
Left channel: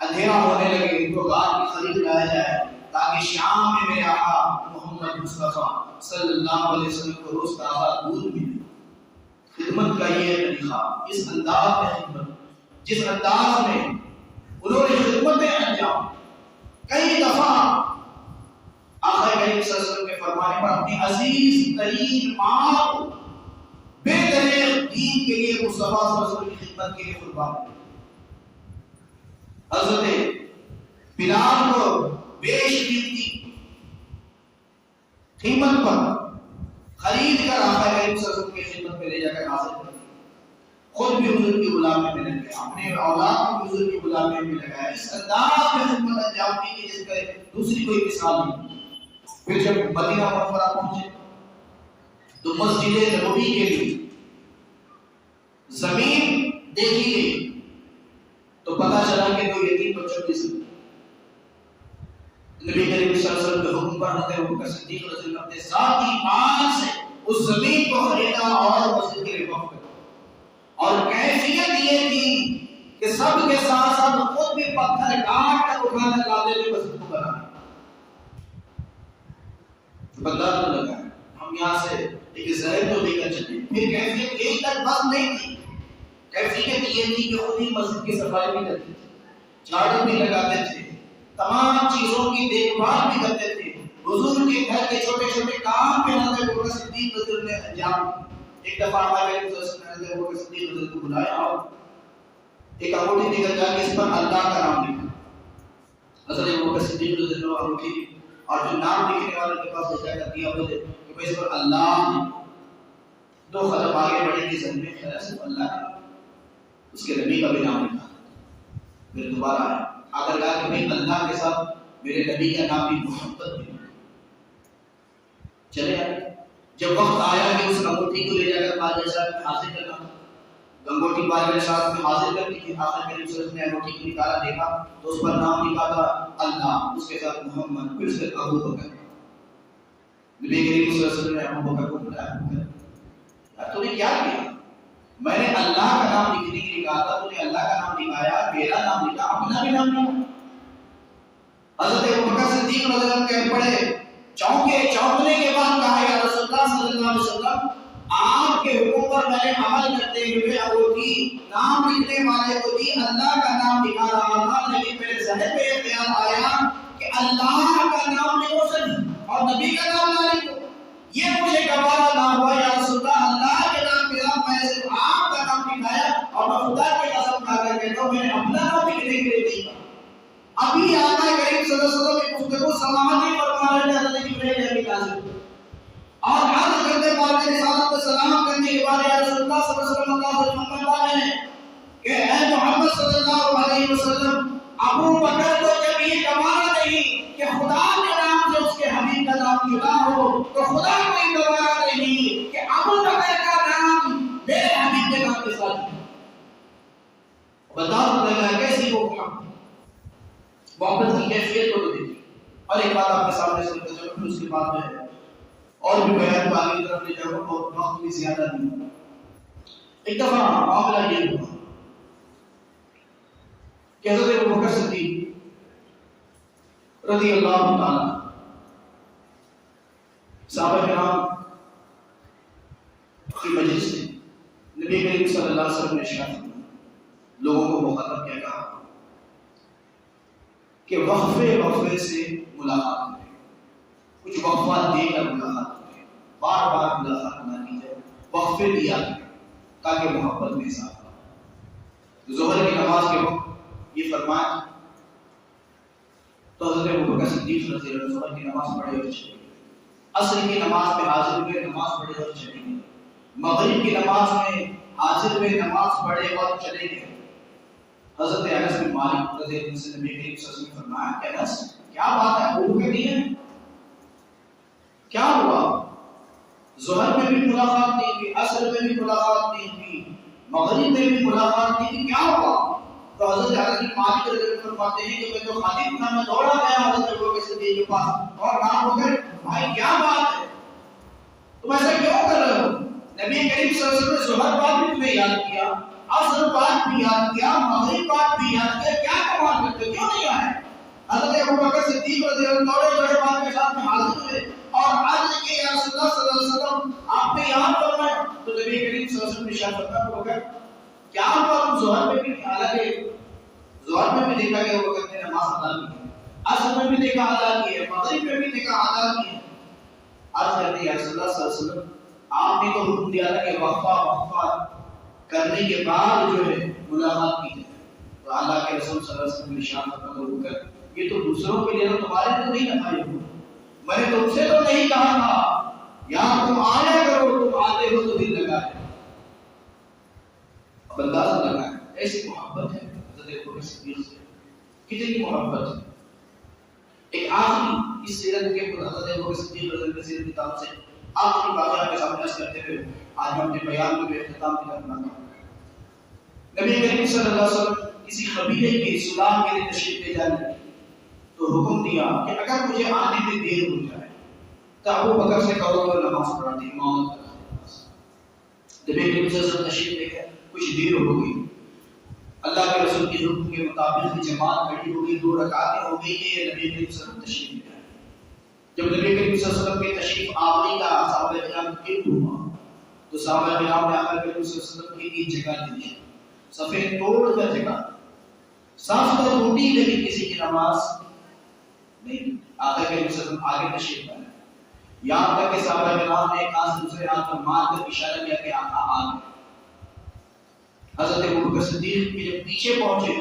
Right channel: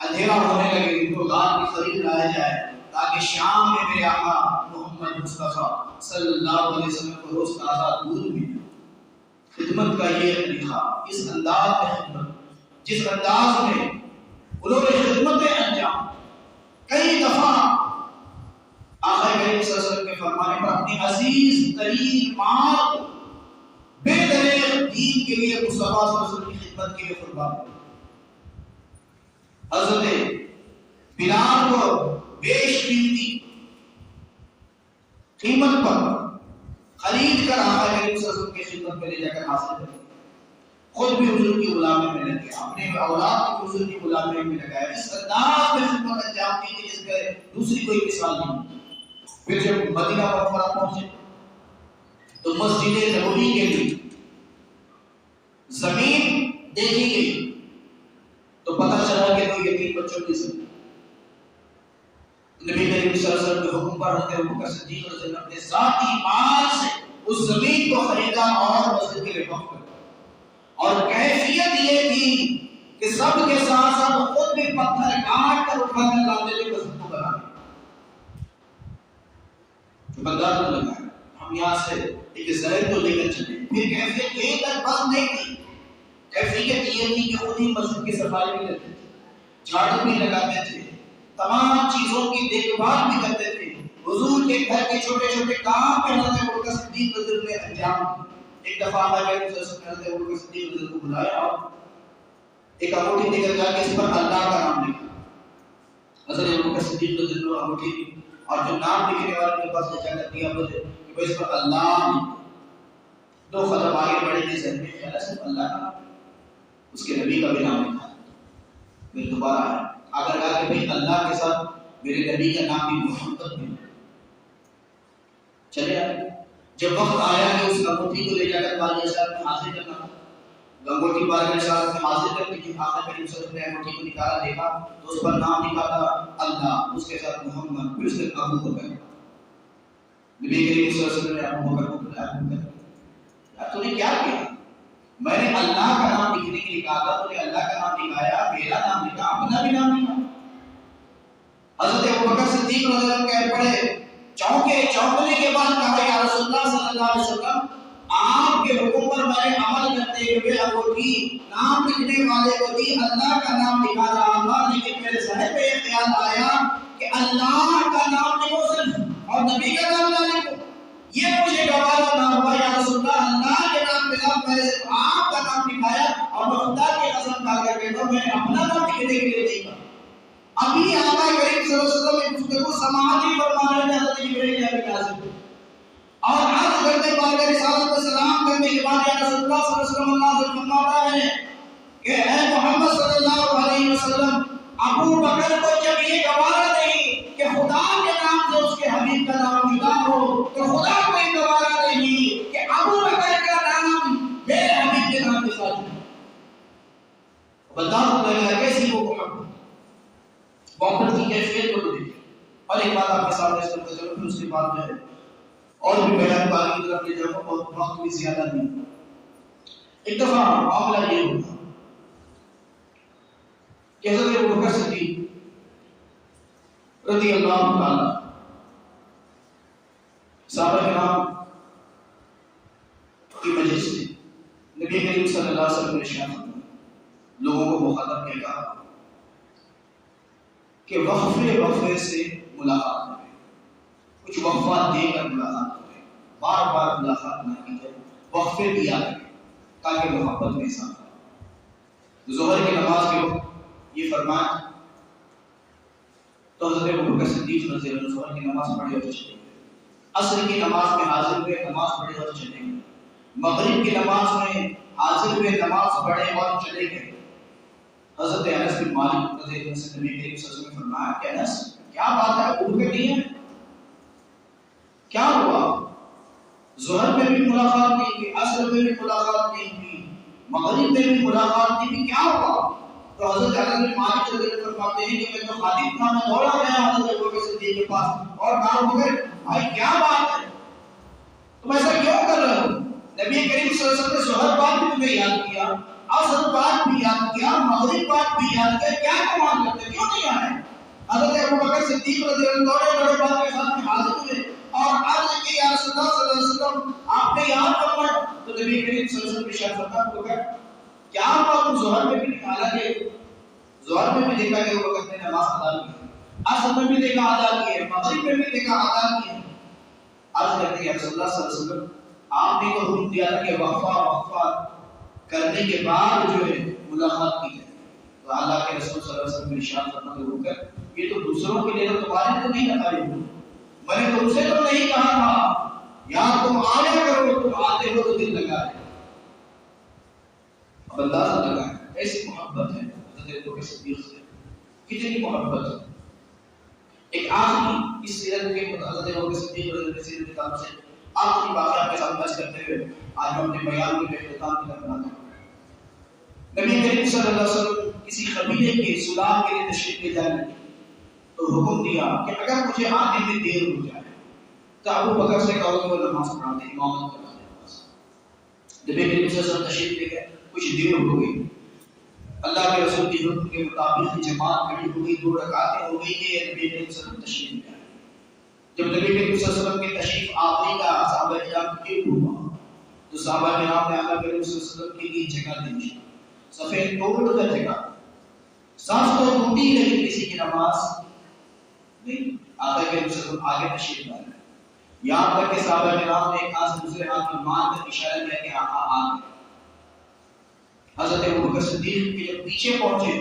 اندھیرا ہونے لگے ان کو غار کی قریب لایا جائے تاکہ شام میں میرے آقا محمد مصطفیٰ صلی اللہ علیہ وسلم کو روز تازہ دودھ ملے۔ خدمت کا یہ طریقہ، اس انداز میں خدمت، جس انداز میں انہوں نے خدمتیں انجام، کئی دفعہ آقا کریم صلی اللہ علیہ وسلم کے فرمانے پر اپنی عزیز ترین ماں کو بے دریغ دین کے لیے مصطفیٰ صلی اللہ علیہ وسلم کی خدمت کے لیے قربان کیا۔ حضرت بلال کو بیش قیمتی قیمت پر خرید کر آقا کریم صلی اللہ علیہ وسلم کی خدمت میں لے جا کر حاصل کر، خود بھی حضور کی غلامی میں لگ گیا، اپنے اولاد کو حضور کی غلامی میں لگایا، اس انداز میں خدمت انجام دی کہ جس کا دوسری کوئی مثال نہیں۔ پھر جب مدینہ منورہ پہنچے تو مسجد نبوی کے لیے زمین دیکھی گئی تو پتہ چلا کہ وہ یتیم بچوں کی زمین، نبی کریم صلی اللہ علیہ وسلم کے حکم پر حضرت ابوبکر صدیق رضی اللہ عنہ نے ذاتی مال سے اس زمین کو خریدا اور مسجد کے لیے وقف کیا۔ اور کیفیت یہ تھی کہ سب کے ساتھ ساتھ خود بھی پتھر کاٹ کر اٹھا کر لاتے تھے مسجد کو بنانے۔ جو بندہ تو لگا ہے ہم یہاں سے ایک ظاہر تو لے کر چلے، پھر کیفیت یہی تک بس نہیں تھی، کیفیت یہ تھی کہ خود ہی مسجد کی صفائی بھی کرتے تھے، جھاڑو بھی لگاتے تھے، تمام چیزوں کی دیکھ بھال بھی کرتے تھے۔ حضور کے گھر کے چھوٹے چھوٹے کام بھی حضرت ابوبکر صدیق رضی اللہ عنہ نے انجام دیے۔ ایک دفعہ ہمارے نبی صلی اللہ علیہ وسلم نے حضرت ابوبکر صدیق رضی اللہ عنہ کو بلایا اور ایک انگوٹھی دے کر جا کے اس پر اللہ کا نام لکھا۔ حضرت ابوبکر صدیق رضی اللہ عنہ انگوٹھی دی اور جو نام لکھنے والے کے پاس لے جا کر دیا بولے کہ بھائی اس پر اللہ لکھو۔ دو قدم آگے بڑھے کے ذہن میں خیال ہے صرف اللہ کا نام، اس کے نبی کا بھی نام لکھا۔ پھر دوبارہ آیا اگر کہا کہ بھائی اللہ کے ساتھ میرے نبی کا نام بھی محمد بھی چلے آئے۔ جب وقت آیا کہ اس انگوٹھی کو لے جا کر بادشاہ صاحب میں حاضر کرنا، انگوٹھی بادشاہ صاحب میں حاضر کرنے کی آقا کریم صلی اللہ علیہ وسلم نے انگوٹھی کو نکالا، دیکھا تو اس پر نام لکھا تھا اللہ، اس کے ساتھ محمد، پھر اس کے ابو بکر۔ نبی کریم صلی اللہ علیہ وسلم نے ابو بکر کو بلایا، ابو بکر تو نے کیا کیا؟ میں نے اللہ کا نام لکھنے کے لیے کہا تھا، تو نے اللہ کا نام لکھایا، میرا نام لکھا، اپنا بھی نام لکھا۔ حضرت ابوبکر صدیق رضی اللہ عنہ کہہ پڑے، چونکنے کے بعد کہا یا رسول اللہ صلی اللہ علیہ وسلم آپ کے حکم پر میں نے عمل کرتے ہوئے انگوٹھی نام لکھنے والے کو دی، اللہ کا نام لکھا رہا تھا، لیکن میرے ذہن میں یہ خیال آیا کہ اللہ کا نام لکھو صرف اور نبی کا نام نہ لکھو، یہ مجھے گوارا نہ ہوا یا رسول اللہ، اللہ کے نام کے ساتھ میں نے صرف آپ کا نام لکھایا اور میں خدا کی قسم کھا کر کہتا ہوں میں نے اپنا نام لکھنے کے لیے نہیں کہا۔ ابھی آقا کریم صلی اللہ علیہ وسلم کی گفتگو سماعی فرما رہے ہیں حضرت جبرائیل ابھی نازل ہوئے اور عرض کرتے پاک رسالت کو سلام کرنے کے بعد یا رسول اللہ صلی اللہ علیہ وسلم اللہ سے فرماتا ہے کہ اے محمد صلی اللہ علیہ وسلم، ابو بکر کو جب یہ گوارا نہیں کہ خدا کے نام سے اس کے حبیب کا نام جدا ہو، تو خدا کو یہ گوارا نہیں کہ ابو بکر کا نام میرے حبیب کے نام کے ساتھ ہے۔ بتا تو لگا کیسی وہ محبت کی کیفیت کو دیکھیں۔ اور ایک بات آپ کے سامنے سنتے چلو، پھر اس کے بعد میں اور بھی بیان کو آگے کی طرف لے جاؤں اور وقت بھی زیادہ نہیں۔ ایک دفعہ معاملہ یہ ہوا کہ حضرت ابوبکر صدیق رضی اللہ تعالیٰ صحابہ کرام کی مجلس میں نبی کریم صلی اللہ علیہ وسلم نے ارشاد فرمایا، لوگوں کو مخاطب کیا کہا کہ وقفے سے ملاقات کریں، کچھ وقفہ دے کر ملاقات کریں، بار بار ملاقات نہ کی جائے، وقفے دیا کریں تاکہ محبت میں اضافہ ہو۔ ظہر کی نماز کے وقت یہ فرمایا تو حضرت ابوبکر صدیق رضی اللہ عنہ ظہر کی نماز پڑھے اور چلے گئے، عصر کی نماز میں حاضر ہوئے، نماز پڑھے اور چلے گئے، مغرب کی نماز میں حاضر ہوئے، نماز پڑھے اور چلے گئے۔ حضرت انس بن مالک رضی اللہ عنہ سے نبی کریم صلی اللہ علیہ وسلم نے فرمایا کہ انس کیا بات ہے، ابو بکر نہیں ہے، کیا ہوا؟ ظہر میں بھی ملاقات نہیں ہوئی، عصر میں بھی ملاقات نہیں ہوئی، مغرب میں بھی ملاقات نہیں ہوئی، کیا ہوا؟ تو حضرت انس بن مالک رضی اللہ عنہ فرماتے ہیں کہ میں تو خادم تھا، میں دوڑا گیا حضرت ابوبکر صدیق کے پاس اور کہا ابوبکر بھائی کیا بات ہے، تم ایسا کیوں کر رہے ہو؟ نبی کریم صلی اللہ علیہ وسلم نے ظہر بعد بھی تمہیں یاد کیا، عصر بعد بھی یاد کیا، مغرب بعد بھی یاد کیا، کیا کمال کرتے کیوں نہیں آئے؟ حضرت ابوبکر صدیق رضی اللہ عنہ بڑے بات کے ساتھ میں حاضر ہوئے اور عرض کی یا رسول اللہ صلی اللہ علیہ وسلم آپ نے یاد فرمایا، تو نبی کریم صلی اللہ علیہ وسلم نے ارشاد فرمایا ابوبکر کیا ہوا تم ظہر میں بھی، حالانکہ ظہر میں بھی دیکھا کہ ابوبکر نے نماز ادا کی، عصر میں بھی دیکھا ادا کی ہے، مغرب میں بھی دیکھا ادا کی ہے۔ عرض کرتے یا رسول اللہ صلی اللہ علیہ وسلم آپ نے تو حکم دیا تھا کہ وقفہ کرنے کے بعد جو ہے ملاقات کی جائے، تو اللہ کے رسول صلی اللہ علیہ وسلم نے ارشاد فرمایا ابوبکر یہ تو دوسروں کے لیے، تمہارے تو نہیں لگائے ہو، میں نے تم سے تو نہیں کہا تھا یا تم آیا کرو، تم آتے ہو تو دل لگائے، اب اندازہ لگائے ایسی محبت ہے حضرت ابوبکر صدیق سے، کتنی محبت ہے۔ ایک آخری اس سیرت کے حضرت ابوبکر صدیق رضی اللہ عنہ سیرت کتاب سے آخری واقعہ کے سامنے عرض کرتے ہوئے آج ہم اپنے بیان کے اختتام کی طرف بڑھتے ہیں۔ نبی کریم صلی اللہ علیہ وسلم کسی قبیلے کے صلاح کے لیے تشریف لے جانے، تو تو حکم دیا کہ اگر مجھے آنے میں دیر ہو جائے تو ابو بکر سے کہو کہ نماز پڑھاتے امامت کرتے۔ نبی کریم صلی اللہ علیہ وسلم تشریف لے گئے، کچھ دیر ہو گئی، اللہ کے رسول کے حکم کے مطابق جماعت کھڑی ہو گئی، 2 رکعتیں ہو گئی کہ نبی کریم صلی اللہ علیہ وسلم تشریف لے آئے۔ جب نبی کریم صلی اللہ علیہ وسلم کی تشریف آوری کا صحابہ کرام کو علم ہوا تو صحابہ کرام نے آقا کریم صلی اللہ علیہ وسلم کے لیے جگہ دی، صفیں توڑ کر جگہ، صف تو ٹوٹی لیکن کسی کی نماز نہیں۔ آقا کریم صلی اللہ علیہ وسلم آگے تشریف لائے، یہاں تک کہ صحابہ کرام نے ایک ہاتھ سے دوسرے ہاتھ پر مار کر اشارہ کیا کہ آقا آ گئے۔ حضرت ابوبکر صدیق کے جب پیچھے پہنچے،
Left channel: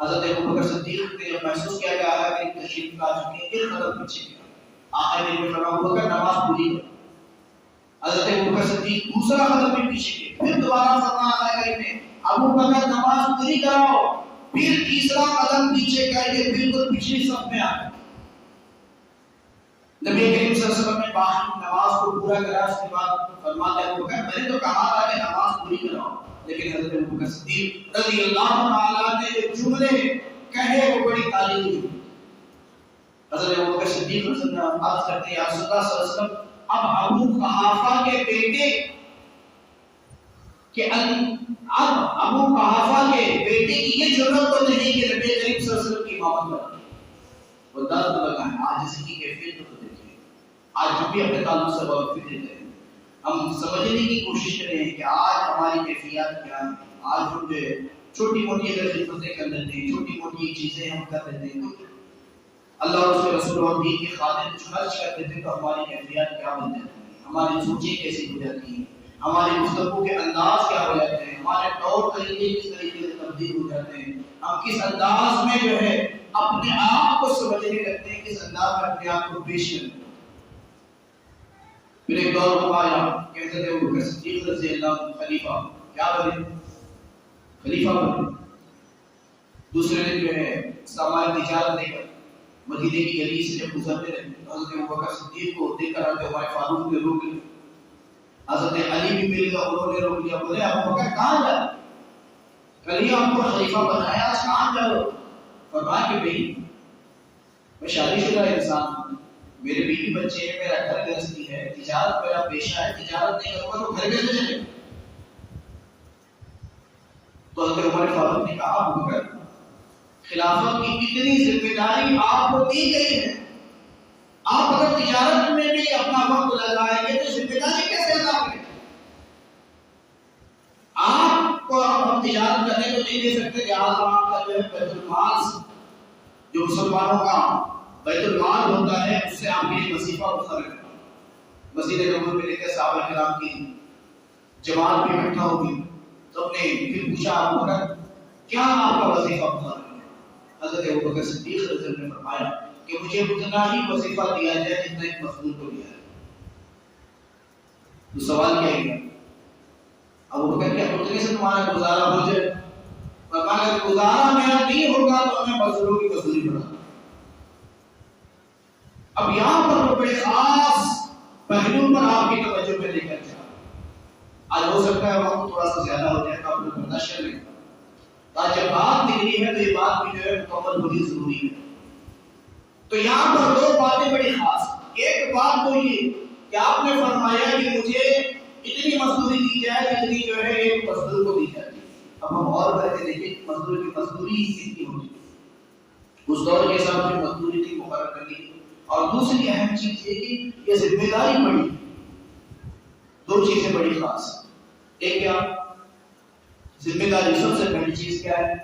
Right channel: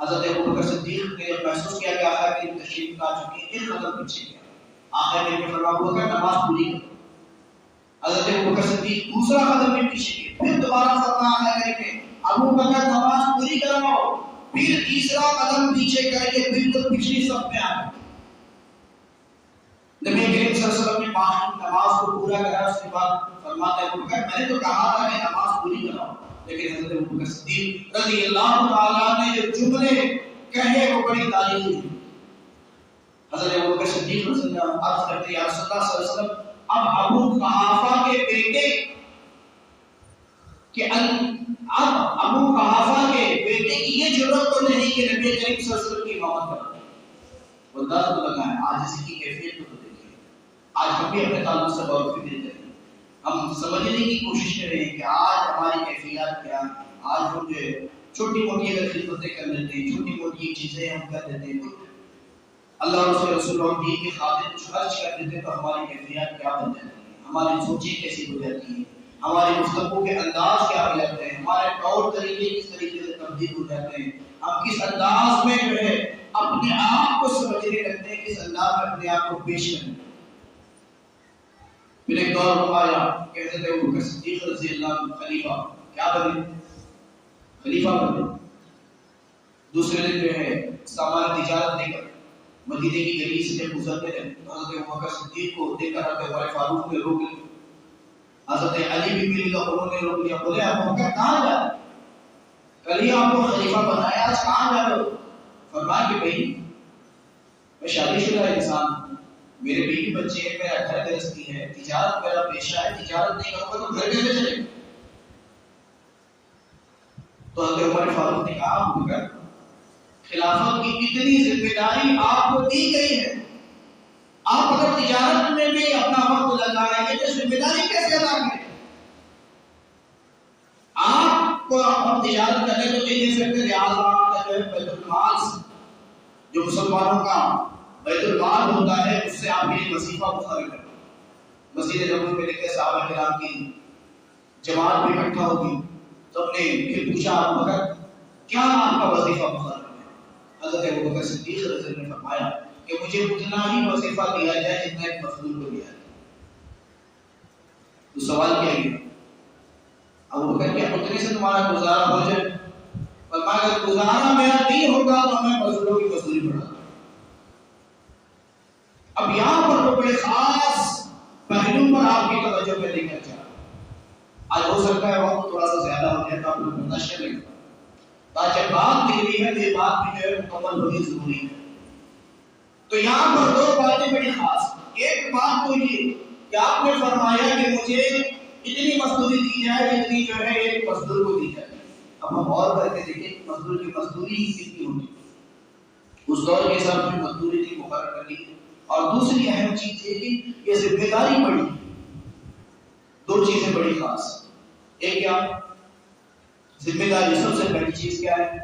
حضرت ابوبکر صدیق نے جب محسوس کیا کہ آقا کریم تشریف لا چکے ہیں، ایک قدم پیچھے گیا۔ آقا نے فرمایا ابوبکر نماز پوری کرو۔ حضرت ابوبکر صدیق دوسرا قدم بھی پیچھے گئے، پھر دوبارہ فرمایا آقا کریم نے ابوبکر نماز پوری کراؤ، پھر تیسرا قدم پیچھے کر کے بالکل پچھلی صف میں آ گئے۔ نبی کریم صلی اللہ علیہ وسلم نے باقی نماز کو پورا کرا، اس کے بعد فرماتے ہیں ابوبکر میں نے تو کہا تھا کہ نماز پوری کراؤ، لیکن حضرت ابوبکر صدیق رضی اللہ تعالیٰ نے جو جملے کہے وہ بڑی تعریف ہوئی۔ حضرت ابوبکر صدیق رضی اللہ عنہ عرض کرتے ہیں یا رسول اللہ صلی اللہ علیہ وسلم اب ابو قحافہ کے بیٹے کہ اب ابو قحافہ کے بیٹے کی یہ ضرورت تو نہیں کہ نبی کریم صلی اللہ علیہ وسلم کی امامت کرے۔ وہ درد لگا ہے آج اسی کی کیفیت کو دیکھیں، آج ہم بھی اپنے تعلق سے غور و فکر کریں، ہم سمجھنے کی کوشش کریں کہ آج ہماری کیفیات کیا ہیں۔ آج ہم جو چھوٹی موٹی اگر خدمتیں کر لیتے ہیں، چھوٹی موٹی چیزیں ہم کر لیتے ہیں، اللہ اور اس کے رسول اور دین کی خاطر کچھ خرچ کر دیتے ہیں تو ہماری کیفیات کیا بن جاتی ہیں، ہماری سوچیں کیسی ہو جاتی ہیں، ہماری گفتگو کے انداز کیا ہو جاتے ہیں، ہمارے طور طریقے کس طریقے سے تبدیل ہو جاتے ہیں، ہم کس انداز میں جو ہے اپنے آپ کو سمجھنے لگتے ہیں، کس انداز میں اپنے آپ کو پیش کرتے ہیں۔ پھر ایک دور آیا کہ حضرت ابوبکر صدیق رضی اللہ عنہ خلیفہ کیا بنے، خلیفہ بنے۔ دوسرے دن جو ہے سامان تجارت لے کر مدینے کی گلی سے جب گزرتے رہے حضرت ابوبکر صدیق کو دیکھ کر حضرت عمر فاروق نے روک لیا، حضرت علی بھی مل گیا، انہوں نے روک لیا، بولے ابوبکر کہاں جا رہے، کل ہی آپ کو خلیفہ بنایا، آج کہاں جا رہے ہو؟ فرمایا کہ بھائی میں شادی شدہ انسان ہوں، میرے بیوی بچے ہیں، میرا گھر گرہستی ہے، تجارت میرا پیشہ ہے، تجارت نہیں کروں گا تو گھر کیسے چلے گا؟ تو حضرت عمر فاروق نے کہا ابوبکر خلافت کی اتنی ذمہ داری آپ کو دی گئی ہے، آپ اگر تجارت میں بھی اپنا وقت لگائیں گے تو ذمہ داری کیسے ادا کریں؟ آپ کو ہم تجارت کرنے تو نہیں دے سکتے، لہٰذا آپ کا جو ہے بیت المال جو مسلمانوں کا بیت المال ہوتا ہے اس سے آپ کے لیے وظیفہ مقرر کرنا۔ مسجد نبوی میں دیکھتے صحابہ کرام کی جماعت بھی اکٹھا ہوگی، تو نے پھر پوچھا ابوبکر کیا آپ کا وظیفہ مقرر ہے؟ حضرت ابوبکر صدیق رضی اللہ عنہ نے فرمایا کہ مجھے اتنا ہی وظیفہ دیا جائے جتنا ایک مزدور کو دیا جائے۔ تو سوال کیا گیا ابوبکر کیا اتنے سے تمہارا گزارا ہو جائے؟ فرمایا اگر گزارا میرا نہیں ہوگا تو میں مزدوروں کی مزدوری بڑھا۔ اب یہاں پر بڑے خاص پہلو پر آپ کی توجہ میں لے کر چلا، آج ہو سکتا ہے وقت تھوڑا سا زیادہ ہو جائے تو آپ لوگ برداشت کر لیں، آج جب بات نکلی ہے تو یہ بات بھی جو ہے مکمل ہونی ضروری ہے۔ تو یہاں پر 2 باتیں بڑی خاص، ایک بات تو یہ کہ آپ نے فرمایا کہ مجھے اتنی مزدوری دی جائے جتنی جو ہے ایک مزدور کو دی جائے۔ اب ہم اور کر کے دیکھیں مزدور کی مزدوری کتنی ہوتی ہے، اس دور کے حساب سے مزدوری تھی مقرر کر لی۔ اور دوسری اہم چیز یہ کہ یہ ذمہ داری بڑی، 2 چیزیں بڑی خاص، ایک کیا ذمہ داری، سب سے پہلی چیز کیا ہے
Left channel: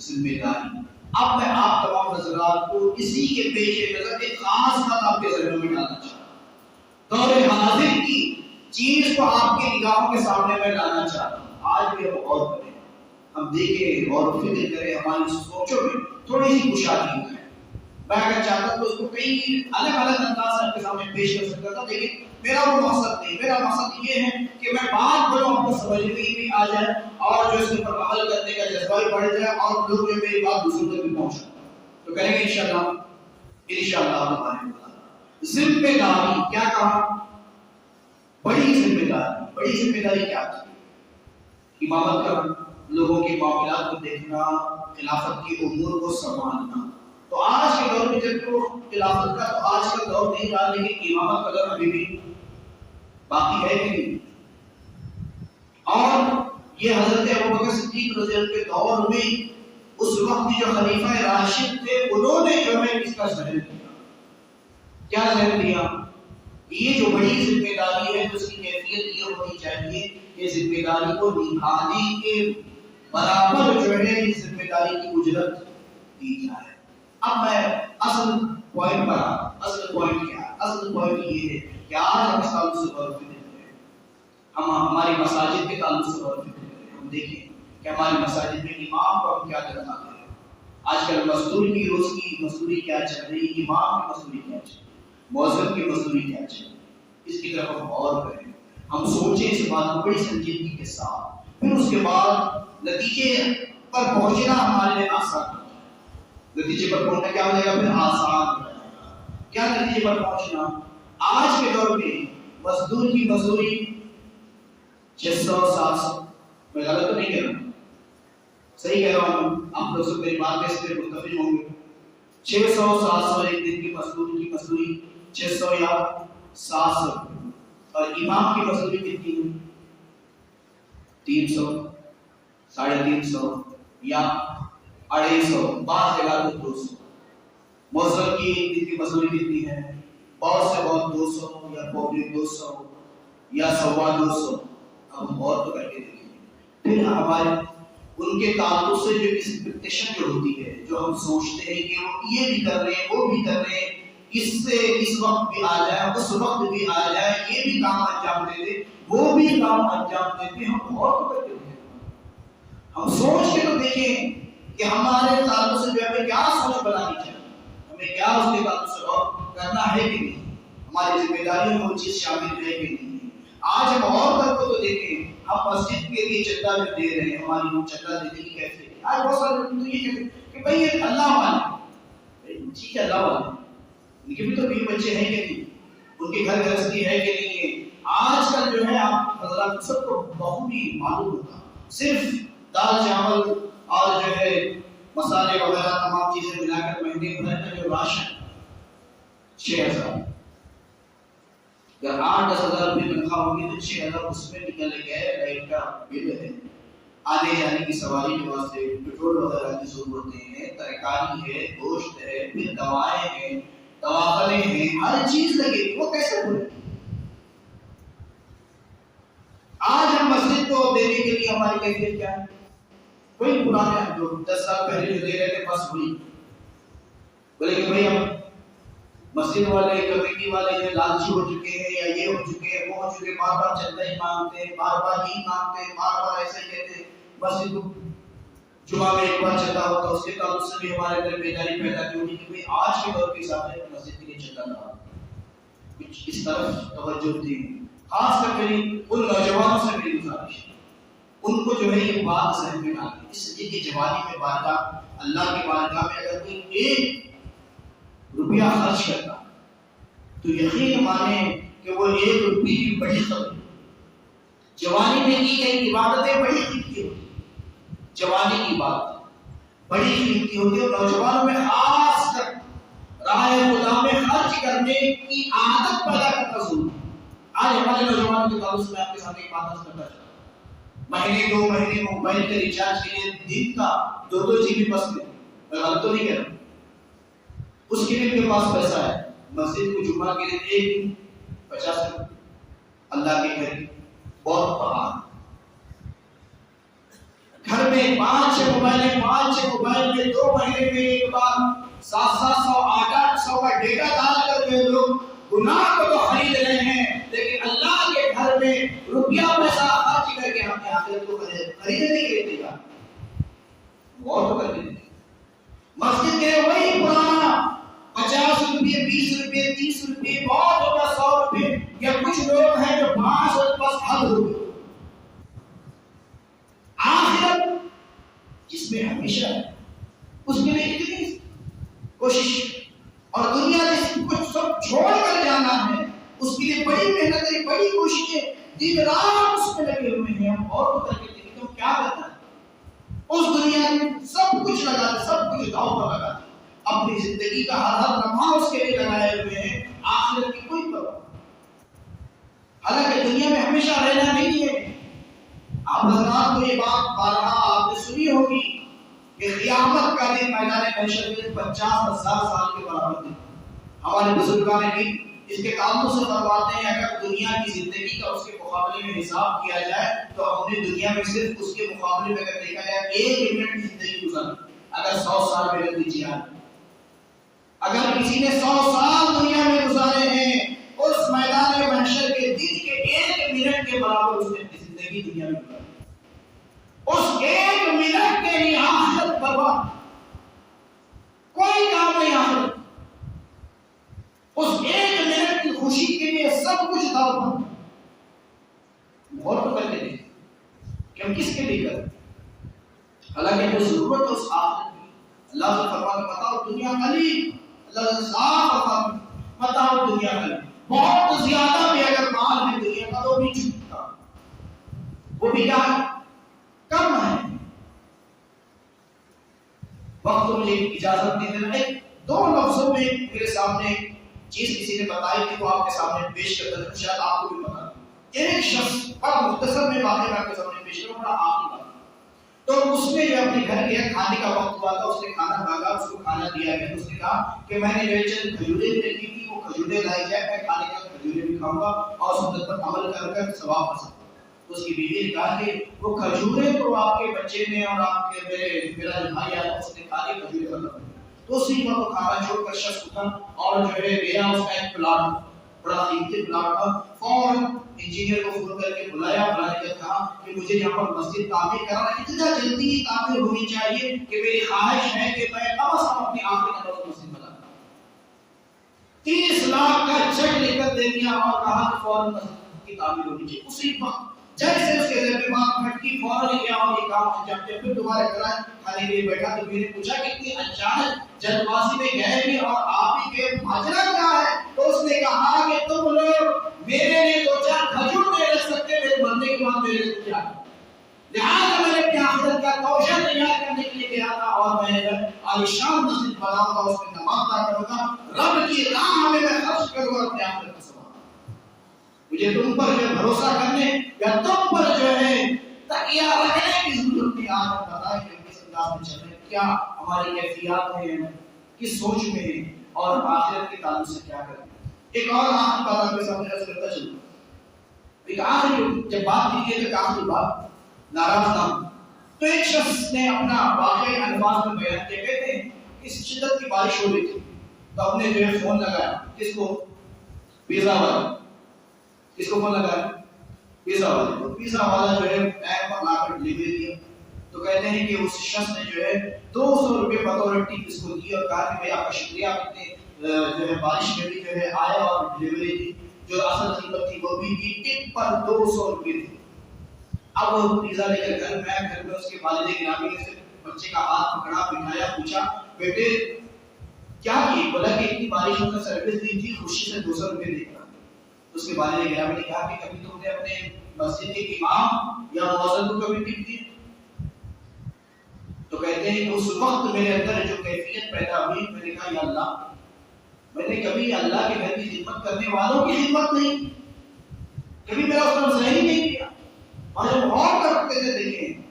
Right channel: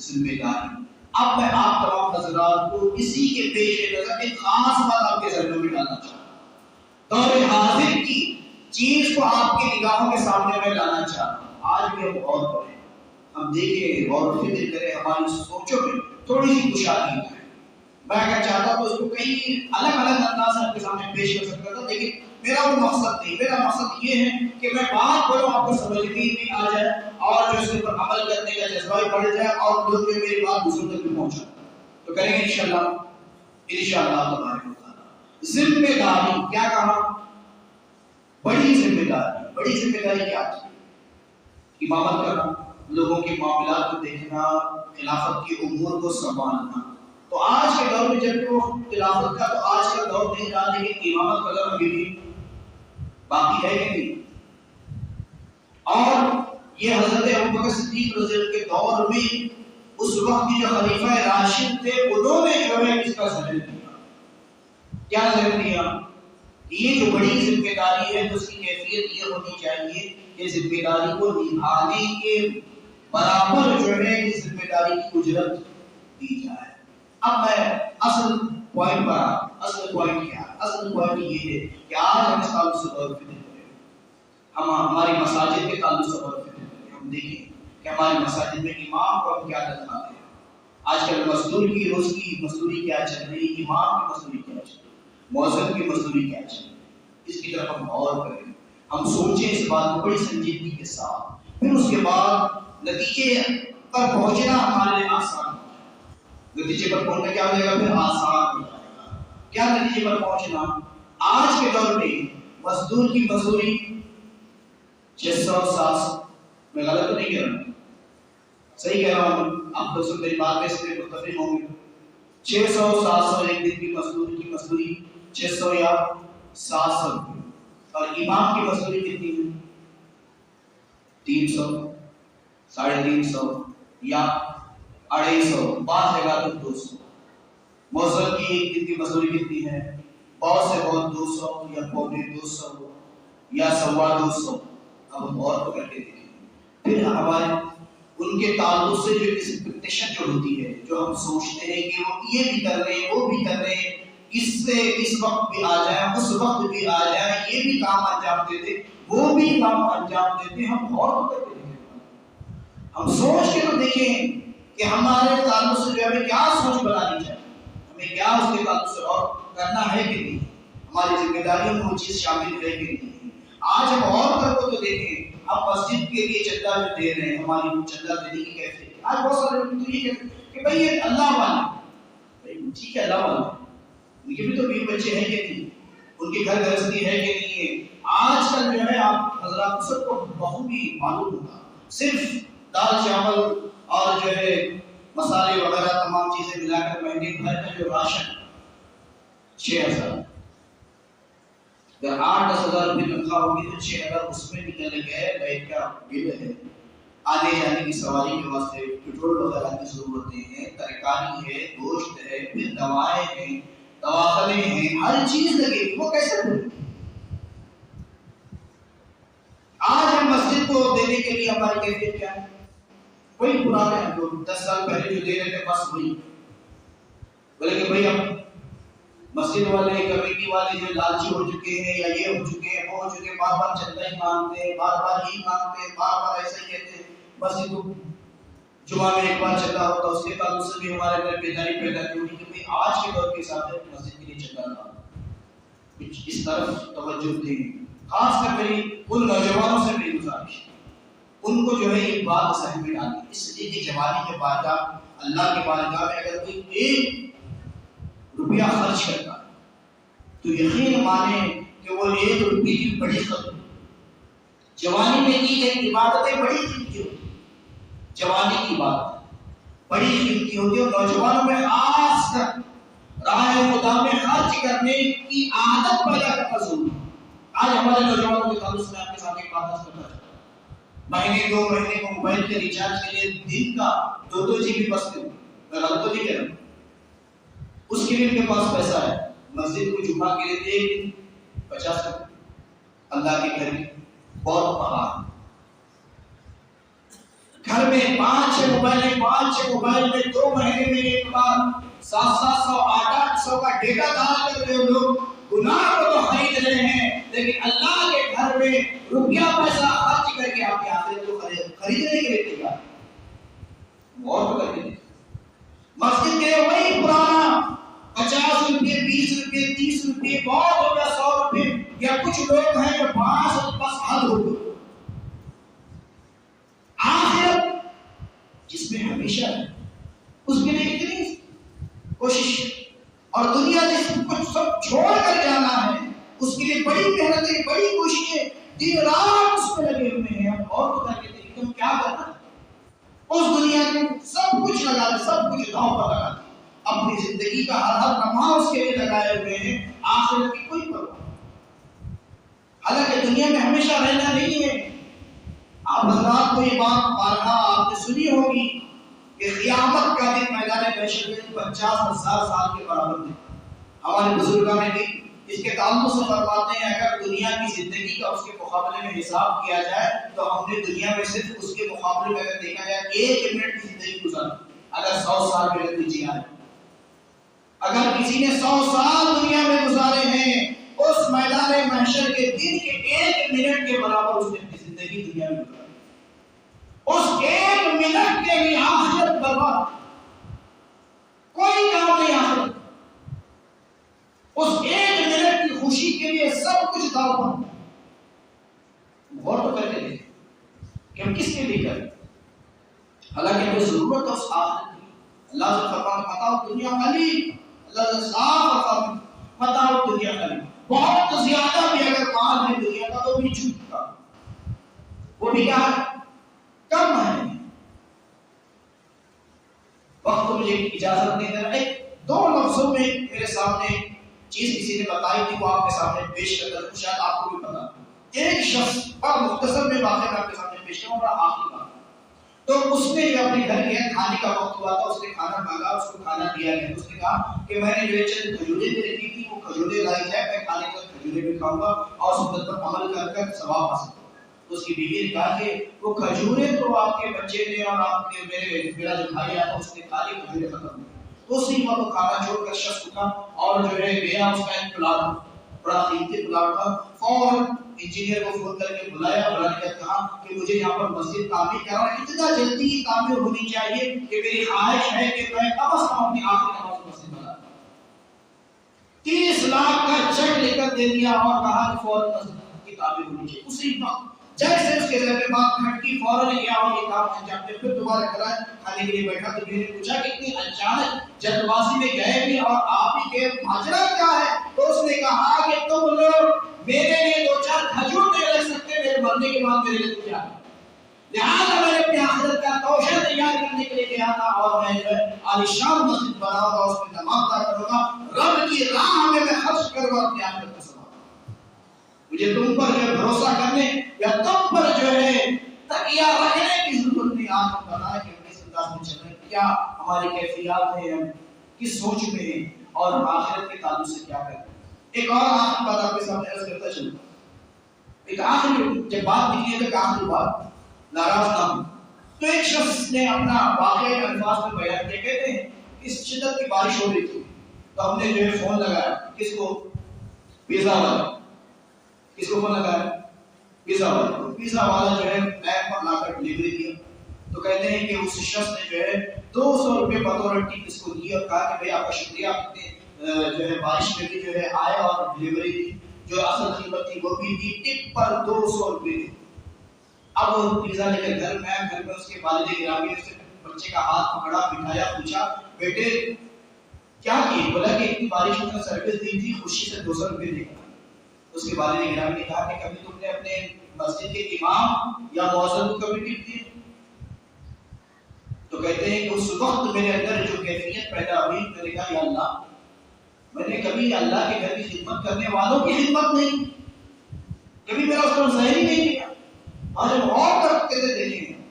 ذمہ داری۔ اب میں آپ تمام حضرات کو اسی کے پیش نظر ایک خاص بات آپ کے ذہنوں میں ڈالنا چاہتا ہوں، دور حاضر کی چیز کو آپ کی نگاہوں کے سامنے میں لانا چاہتا ہوں۔ آج بھی ہم غور کریں، ہم دیکھیں، غور و فکر کریں، ہماری سوچوں میں تھوڑی سی کشادگی ہے۔ میں اگر چاہتا تو اس کو کئی الگ الگ انداز سے آپ کے سامنے پیش کر سکتا تھا، لیکن میرا وہ مقصد نہیں، میرا مقصد یہ ہے کہ میں بات بولوں آپ کو سمجھ میں بھی آ جائے اور جو اس پر عمل کرنے کا جذبہ بھی بڑھ جائے اور لوگ جو میری بات دوسروں تک بھی پہنچا تو کریں گے انشاءاللہ تعالی۔ ذمہ داری کیا کہا؟ بڑی ذمہ داری، بڑی ذمہ داری کیا تھی؟ امامت کرنا، لوگوں کے معاملات کو دیکھنا، خلافت کی امور کو سنبھالنا۔ تو آج کے دور میں جب وہ خلافت کا تو آج کا دور نہیں رہا، لیکن امامت کا دور ابھی بھی باقی ہے کہ نہیں؟ اور یہ حضرت ابوبکر صدیق رضی اللہ عنہ کے دور میں اس وقت جو خلیفہ راشد تھے انہوں نے جو ہے اس کا ذکر کیا. کیا ذکر کیا کہ یہ جو بڑی ذمہ داری ہے اس کی کیفیت یہ ہونی چاہیے کہ ذمہ داری کو نبھانے کے برابر جو ہے اس ذمہ داری کی اجرت دی جائے. اب میں اصل پوائنٹ پر اصل پوائنٹ کیا ہے؟ اصل پوائنٹ یہ ہے کہ آج ہم اس تعلق سے غور فکر کریں، ہم ہماری مساجد کے تعلق سے غور فکر کریں. ہم دیکھیں کہ ہماری مساجد میں امام کو ہم کیا تنخواہ دیں. آج کل مزدور کی روز کی مزدوری کیا چل رہی ہے، امام کی مزدوری کیا چل رہی ہے، مؤذن کی مزدوری کیا چل رہی ہے. اس کی طرف ہم غور کریں، ہم سوچیں اس بات کو بڑی سنجیدگی کے ساتھ. پھر اس کے بعد نتیجے پر پہنچنا ہمارے لیے آسان ہے. نتیجے پر پہنچنا کیا ہو جائے گا؟ پھر آسان ہو جائے گا. کیا نتیجے پر پہنچنا؟ آج کے دور میں مزدور کی مزدوری 600-700، میں غلط تو نہیں کہہ رہا ہوں، صحیح کہہ رہا ہوں، آپ لوگ سب میری بات سے متفق ہوں گے. 600-700 ایک دن کی مزدور کی مزدوری 600 یا 700 روپے. اور امام کی مزدوری کتنی ہے؟ 300، 350 یا 250، بعض جگہ تو 200. مؤذن کی ایک دن کی مزدوری کتنی ہے؟ بہت سے بہت 200 یا 250 یا 225. اب ہم اور تو کر کے دیکھیں. پھر ہمارے ان کے تعلق سے جو ایکسپیکٹیشن جو ہوتی ہے، جو ہم سوچتے ہیں کہ وہ یہ بھی کر رہے ہیں وہ بھی کر رہے ہیں، اس سے اس وقت بھی آ جائے اس وقت بھی آ جائے، یہ بھی کام انجام دے دے وہ بھی کام انجام دیتے. ہم اور تو کر کے دیکھیں، ہم سوچ کے تو دیکھیں کہ ہمارے تعلق سے جو ہمیں کیا سوچ بنانی چاہیے، ہمیں کیا اس کے تعلق سے اور کرنا ہے کہ نہیں، ہماری ذمہ داریوں میں وہ چیز شامل ہے کہ نہیں. آج ہم اور طرف کو تو دیکھیں، ہم مسجد کے لیے چندہ جو دے رہے ہیں، ہماری چندہ دینے کی کیسے آج بہت سارے لوگ تو یہ کہتے ہیں کہ بھائی یہ اللہ والے، ٹھیک ہے اللہ والے، ان کے بھی تو بیوی بچے ہیں کہ نہیں، ان کے گھر گرہستی ہے کہ نہیں ہے. آج کل جو ہے آپ حضرات سب کو بخوبی معلوم ہوگا، صرف دال چاول اور جو ہے مسالے وغیرہ تمام چیزیں ملا کر مہینے بھر کا جو راشن 6000، اگر 8-10 ہزار روپے تنخواہ ہوگی تو 6000 اس میں نکل گئے. لائٹ کا بل ہے، آنے جانے کی سواری کے واسطے پیٹرول وغیرہ کی ضرورتیں ہیں، ترکاری ہے، گوشت ہے، پھر دوائیں ہیں، دواخانے ہیں، ہر چیز لگے. وہ کیسے بولے؟ آج ہم مسجد کو دینے کے لیے ہماری کیفیت کیا ہے؟ کوئی پرانے جو 10 سال پہلے جو دے رہے تھے بس وہی بولے کہ بھائی ہم مسجد والے کمیٹی والے جو لالچی ہو چکے ہیں یا یہ ہو چکے ہیں وہ ہو چکے ہیں، بار بار چندہ ہی مانگتے ہیں، بار بار ہی مانگتے ہیں، بار بار ایسا ہی کہتے ہیں. مسجد کو جمعہ میں ایک بار چندہ ہوتا، اس کے تعلق سے بھی ہمارے اندر بیداری پیدا کی ہوگی کہ آج کے دور کے حساب سے مسجد کے لیے چندہ تھا. کچھ اس طرف توجہ دیں، خاص کر میری ان نوجوانوں سے میری گزارش ہے، ان کو جو ہے یہ بات ذہن میں ڈالیں. اس لیے کہ جوانی کے بارگاہ اللہ کے بارگاہ میں اگر کوئی 1 روپیہ خرچ کرتا تو یقین مانے کہ وہ 1 روپے کی بڑی قدر. جوانی میں کی گئی عبادتیں بڑی قیمتی ہوتی ہیں، جوانی کی عبادت بڑی قیمتی ہوتی ہے. اور نوجوانوں میں خاص کر راہ خدا میں خرچ کرنے کی عادت پیدا کرنا ضروری ہے. آج ہمارے نوجوانوں کے تعلق سے آپ کے ساتھ ایک بات کرنا چاہتا ہوں، مہینے 2 مہینے کو موبائل کے ریچارج کے لیے دن کا 2 GB بس میں، میں غلط تو نہیں کہہ رہا، اس کے لیے ان کے پاس پیسہ ہے. مسجد کو جمعہ کے لیے 1 دن 50 روپے، اللہ کے گھر کی بہت پہاڑ. گھر میں 5-6 موبائل میں 2 مہینے میں ایک بار 700 800 کا ڈیٹا ڈال کر جو لوگ گناہ کو تو خرید رہے ہیں، لیکن اللہ کے گھر میں روپیہ پیسہ خرچ کر کے آپ کے آخرت کو خریدنے کے لیے تیار. بہت کر کے مسجد کے وہی پرانا 50 روپے 20 روپے 30 روپے بہت ہو گیا 100 روپے، یا کچھ لوگ ہیں جو 500 بس حد ہو گئی. آخرت جس میں ہمیشہ ہے اس کے لیے اتنی کوشش، اور دنیا جس کو سب چھوڑ کر جانا ہے اس کے لیے بڑی محنتیں بڑی کوششیں دن رات اس میں لگے ہوئے ہیں. ہم اور کر کے دیکھیں تو کیا کرتا ہے، اس دنیا میں سب کچھ لگاتے، سب کچھ داؤ پر لگاتے، اپنی زندگی کا ہر لمحہ اس کے لیے لگائے ہوئے ہیں، آخرت کی کوئی پرواہ نہیں۔ حالانکہ دنیا میں ہمیشہ رہنا نہیں ہے۔ آپ حضرات کو یہ بات بارہا آپ نے سنی ہوگی کہ قیامت کا دن میدان محشر میں 50,000 سال کے برابر دن۔ ہمارے بزرگان نے اس کے تعلق سے فرماتے ہیں اگر دنیا کی زندگی کا اس کے مقابلے میں حساب کیا جائے تو ہم نے دنیا میں صرف اس کے مقابلے میں اگر دیکھا جائے 1 منٹ کی زندگی گزاری، اگر 100 سال میں رکھ دیجیے اگر کسی نے 100 سال دنیا میں گزارے ہیں اس میدان محشر کے دن کے 1 منٹ کے برابر اس نے اپنی زندگی دنیا میں گزاری، اس 1 منٹ کے لیے آخرت برباد، کوئی کام نہیں آخرت، اس 1 منٹ کی خوشی کے لیے سب کچھ داؤ پر۔ غور تو کر کے دیکھیں کہ ہم کس کے لیے کریں، حالانکہ وہ ضرورت اس آخرت کی۔ اللہ سے فرماتا متاع دنیا قلیل، اللہ سے صاف فرماتا متاع دنیا قلیل، بہت زیادہ بھی اگر مال ہے دنیا کا وہ بھی جھوٹا، وہ بھی کیا ہے، کم ہے۔ وقت مجھے اجازت نہیں دے رہا، 2 لفظوں میں میرے سامنے چیز کسی نے بتائی تھی وہ آپ کے سامنے پیش کرتا ہوں، شاید آپ کو بھی پتا۔ ایک شخص بڑا مختصر میں واقعہ میں آپ کے سامنے پیش کروں، بڑا آخری بات۔ تو اس نے جو اپنے گھر گیا، کھانے کا وقت ہوا تھا، اس نے کھانا مانگا، اس کو کھانا دیا گیا۔ اس نے کہا کہ میں نے جو چند کھجوریں بھی رکھی تھی وہ کھجوریں لائی جائے، میں کھانے کا کھجوریں بھی کھاؤں گا اور سنت پر عمل کر ثواب حاصل کروں گا۔ تو اس کی بیوی نے کہا کہ وہ کھجوریں تو آپ کے بچے نے اور آپ کے میرا جو بھائی آیا اس نے کھا لی، کھجوریں ختم ہوئی۔ تو اسی وقت کھانا چھوڑ کر شخص اٹھا اور جو ہے گیا، اس کا ایک پلاٹ بڑا قیمتی پلاٹ تھا، فوراً انجینئر کو فون کر کے بلایا، بلانے کے کہا کہ مجھے یہاں پر مسجد تعمیر کرنا ہے، اتنا جلدی یہ تعمیر ہونی چاہیے کہ میری خواہش ہے کہ میں کم از کم اپنی آخری نماز مسجد بنا دوں۔ 30 لاکھ کا چیک لے کر دے دیا اور کہا کہ فوراً مسجد کی تعمیر ہونی چاہیے۔ اسی وقت جیسے اس کے ذہن میں بات کھٹکی، فوراً گیا اور یہ کام انجام دیا۔ پھر دوبارہ کرا کھانے کے لیے بیٹھا تو میں نے پوچھا کہ اتنی اچانک جلد بازی میں گئے بھی اور آپ ہی کے ماجرا کیا ہے؟ تو اس نے کہا کہ تم لوگ میرے لیے 2-4 کھجور نہیں رکھ سکتے، میرے مرنے کے بعد میرے لیے کیا، لہٰذا میں نے اپنی آخرت کا توشہ تیار کرنے کے لیے گیا تھا اور میں عالیشان مسجد بناؤں گا، اس میں نماز ادا کروں گا، رب کی راہ میں میں خرچ کروں گا اپنی آخرت کا ثواب۔ مجھے تم پر جو بھروسہ کرنے یا تم پر جو ہے تکیہ رکھنے کی ضرورت نہیں۔ آپ بتائیں کہ کس انداز میں چل رہے ہیں، کیا ہماری کیفیات ہیں، کس سوچ میں ہیں اور آخرت کے تعلق سے کیا کرتے ہیں۔ ایک اور آخری بات آپ کے سامنے عرض کرتا چلوں، ایک آخری جب بات نکلی ہے تو آخری بات ناراض نہ ہو۔ تو ایک شخص نے اپنا واقعی الفاظ میں بیان کیا، کہتے ہیں کہ شدت کی بارش ہو رہی تھی تو ہم نے جو ہے فون لگایا، کس کو، پیزا والا، کس کو فون لگایا، پیزا والا۔ پیزا والا جو ہے ٹائم پر لا کر ڈلیوری دیا۔ تو کہتے ہیں کہ اس شخص نے جو ہے 200 روپے بطور ٹپ اس کو دی اور کہا کہ بھائی آپ کا شکریہ، آپ نے جو ہے بارش میں بھی جو ہے آئے اور ڈلیوری دی، جو اصل قیمت تھی وہ بھی دی، ٹپ پر 200 روپے دی۔ اب وہ پیزا لے کر گھر میں، گھر میں اس کے والد گرامی نے بچے کا ہاتھ پکڑا، بٹھایا، پوچھا بیٹے کیا کی؟ بولا کہ اتنی بارش میں سروس دی تھی، خوشی سے 200 روپے دے کر۔ اس کے والد گرامی نے کہا کہ کبھی تم نے اپنے مسجد کے امام یا مؤذن کو کبھی ٹپ دی؟ تو کہتے ہیں کہ اس وقت میرے اندر جو کیفیت پیدا ہوئی، میں نے کہا یا اللہ، میں نے کبھی اللہ کے گھر کی خدمت کرنے والوں کی خدمت نہیں، کبھی میرا اس پر ظاہر نہیں کیا۔ اور جب غور کرتے تھے دیکھیں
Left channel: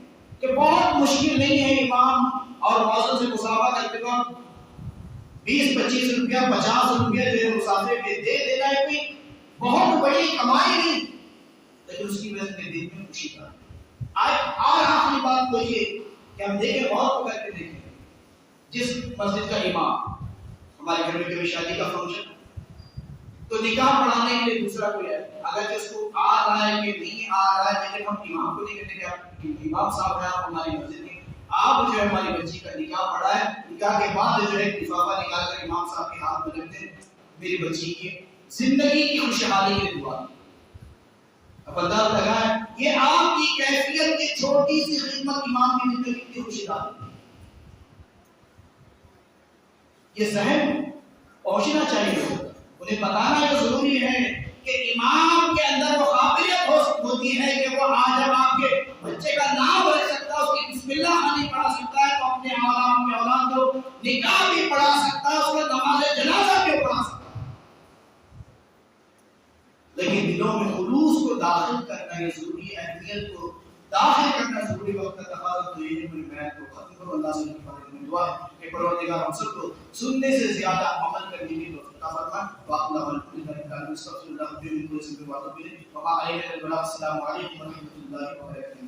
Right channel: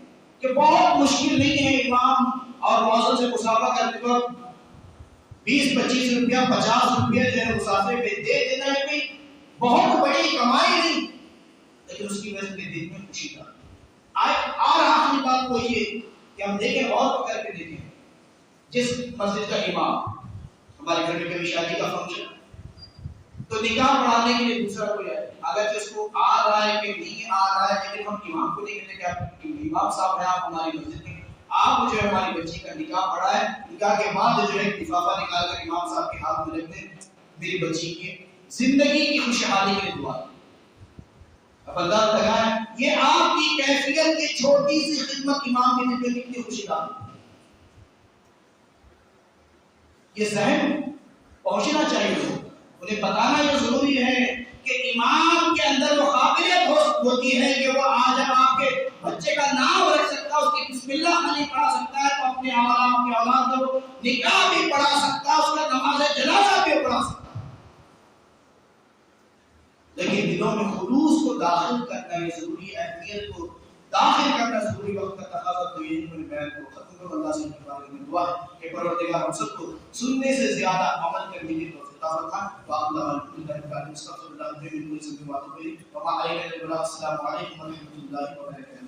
کہ بہت مشکل نہیں ہے امام اور مؤذن سے مصافحہ کرتے وقت 20-25 روپیہ 50 روپیہ جو ہے مسافر پہ دے دینا ہے، کوئی بہت بڑی کمائی نہیں، لیکن اس کی وجہ سے دل میں خوشی تھا۔ اور آخری بات وہ یہ کہ ہم دیکھیں، غور کر کے دیکھیں، جس مسجد کا امام، ہمارے گھر میں کبھی شادی کا فنکشن تو نکاح پڑھانے کے لیے دوسرا کوئی ہے، اگر اس کو آ رہا ہے کہ نہیں آ رہا ہے، لیکن ہم امام کو نہیں کہتے کہ آپ امام صاحب ہیں، آپ ہماری مسجد میں آپ جو ہے ہماری بچی کا نکاح پڑھا ہے، نکاح کے بعد جو ہے لفافہ نکال کر امام صاحب کے ہاتھ میں رکھتے ہیں، میری بچی کی زندگی کی خوشحالی کے لیے دعا۔ اب انداز لگائیں یہ آپ کی کیفیت کی چھوٹی سی خدمت امام کے دل میں کتنی خوشی لاتی، یہ ذہن پہنچنا چاہیے، انہیں بتانا یہ ضروری ہے کہ امام کے اندر وہ قابلیت ہوتی ہے کہ وہ آج جب آپ کے بچے کا نام رکھ سکتا ہے، اس کی بسم اللہ خانی پڑھا سکتا ہے، تو اپنے اولاد کو نکاح بھی پڑھا سکتا، اس کا نماز جنازہ بھی پڑھا سکتا، لیکن دلوں میں خلوص کو داخل کرنا یہ ضروری، اہمیت کو داخل کرنا ضروری وقت کا تقاضا تو یہ ہے کہ بیان کو ختم کرو۔ اللہ سے بارے میں دعا ہے کہ پروردگار ہم سب کو سننے سے زیادہ عمل کرنے کی توفیق عطا فرمائے۔ واقعہ اللہ السلام علیکم ورحمۃ اللہ وبرکاتہ۔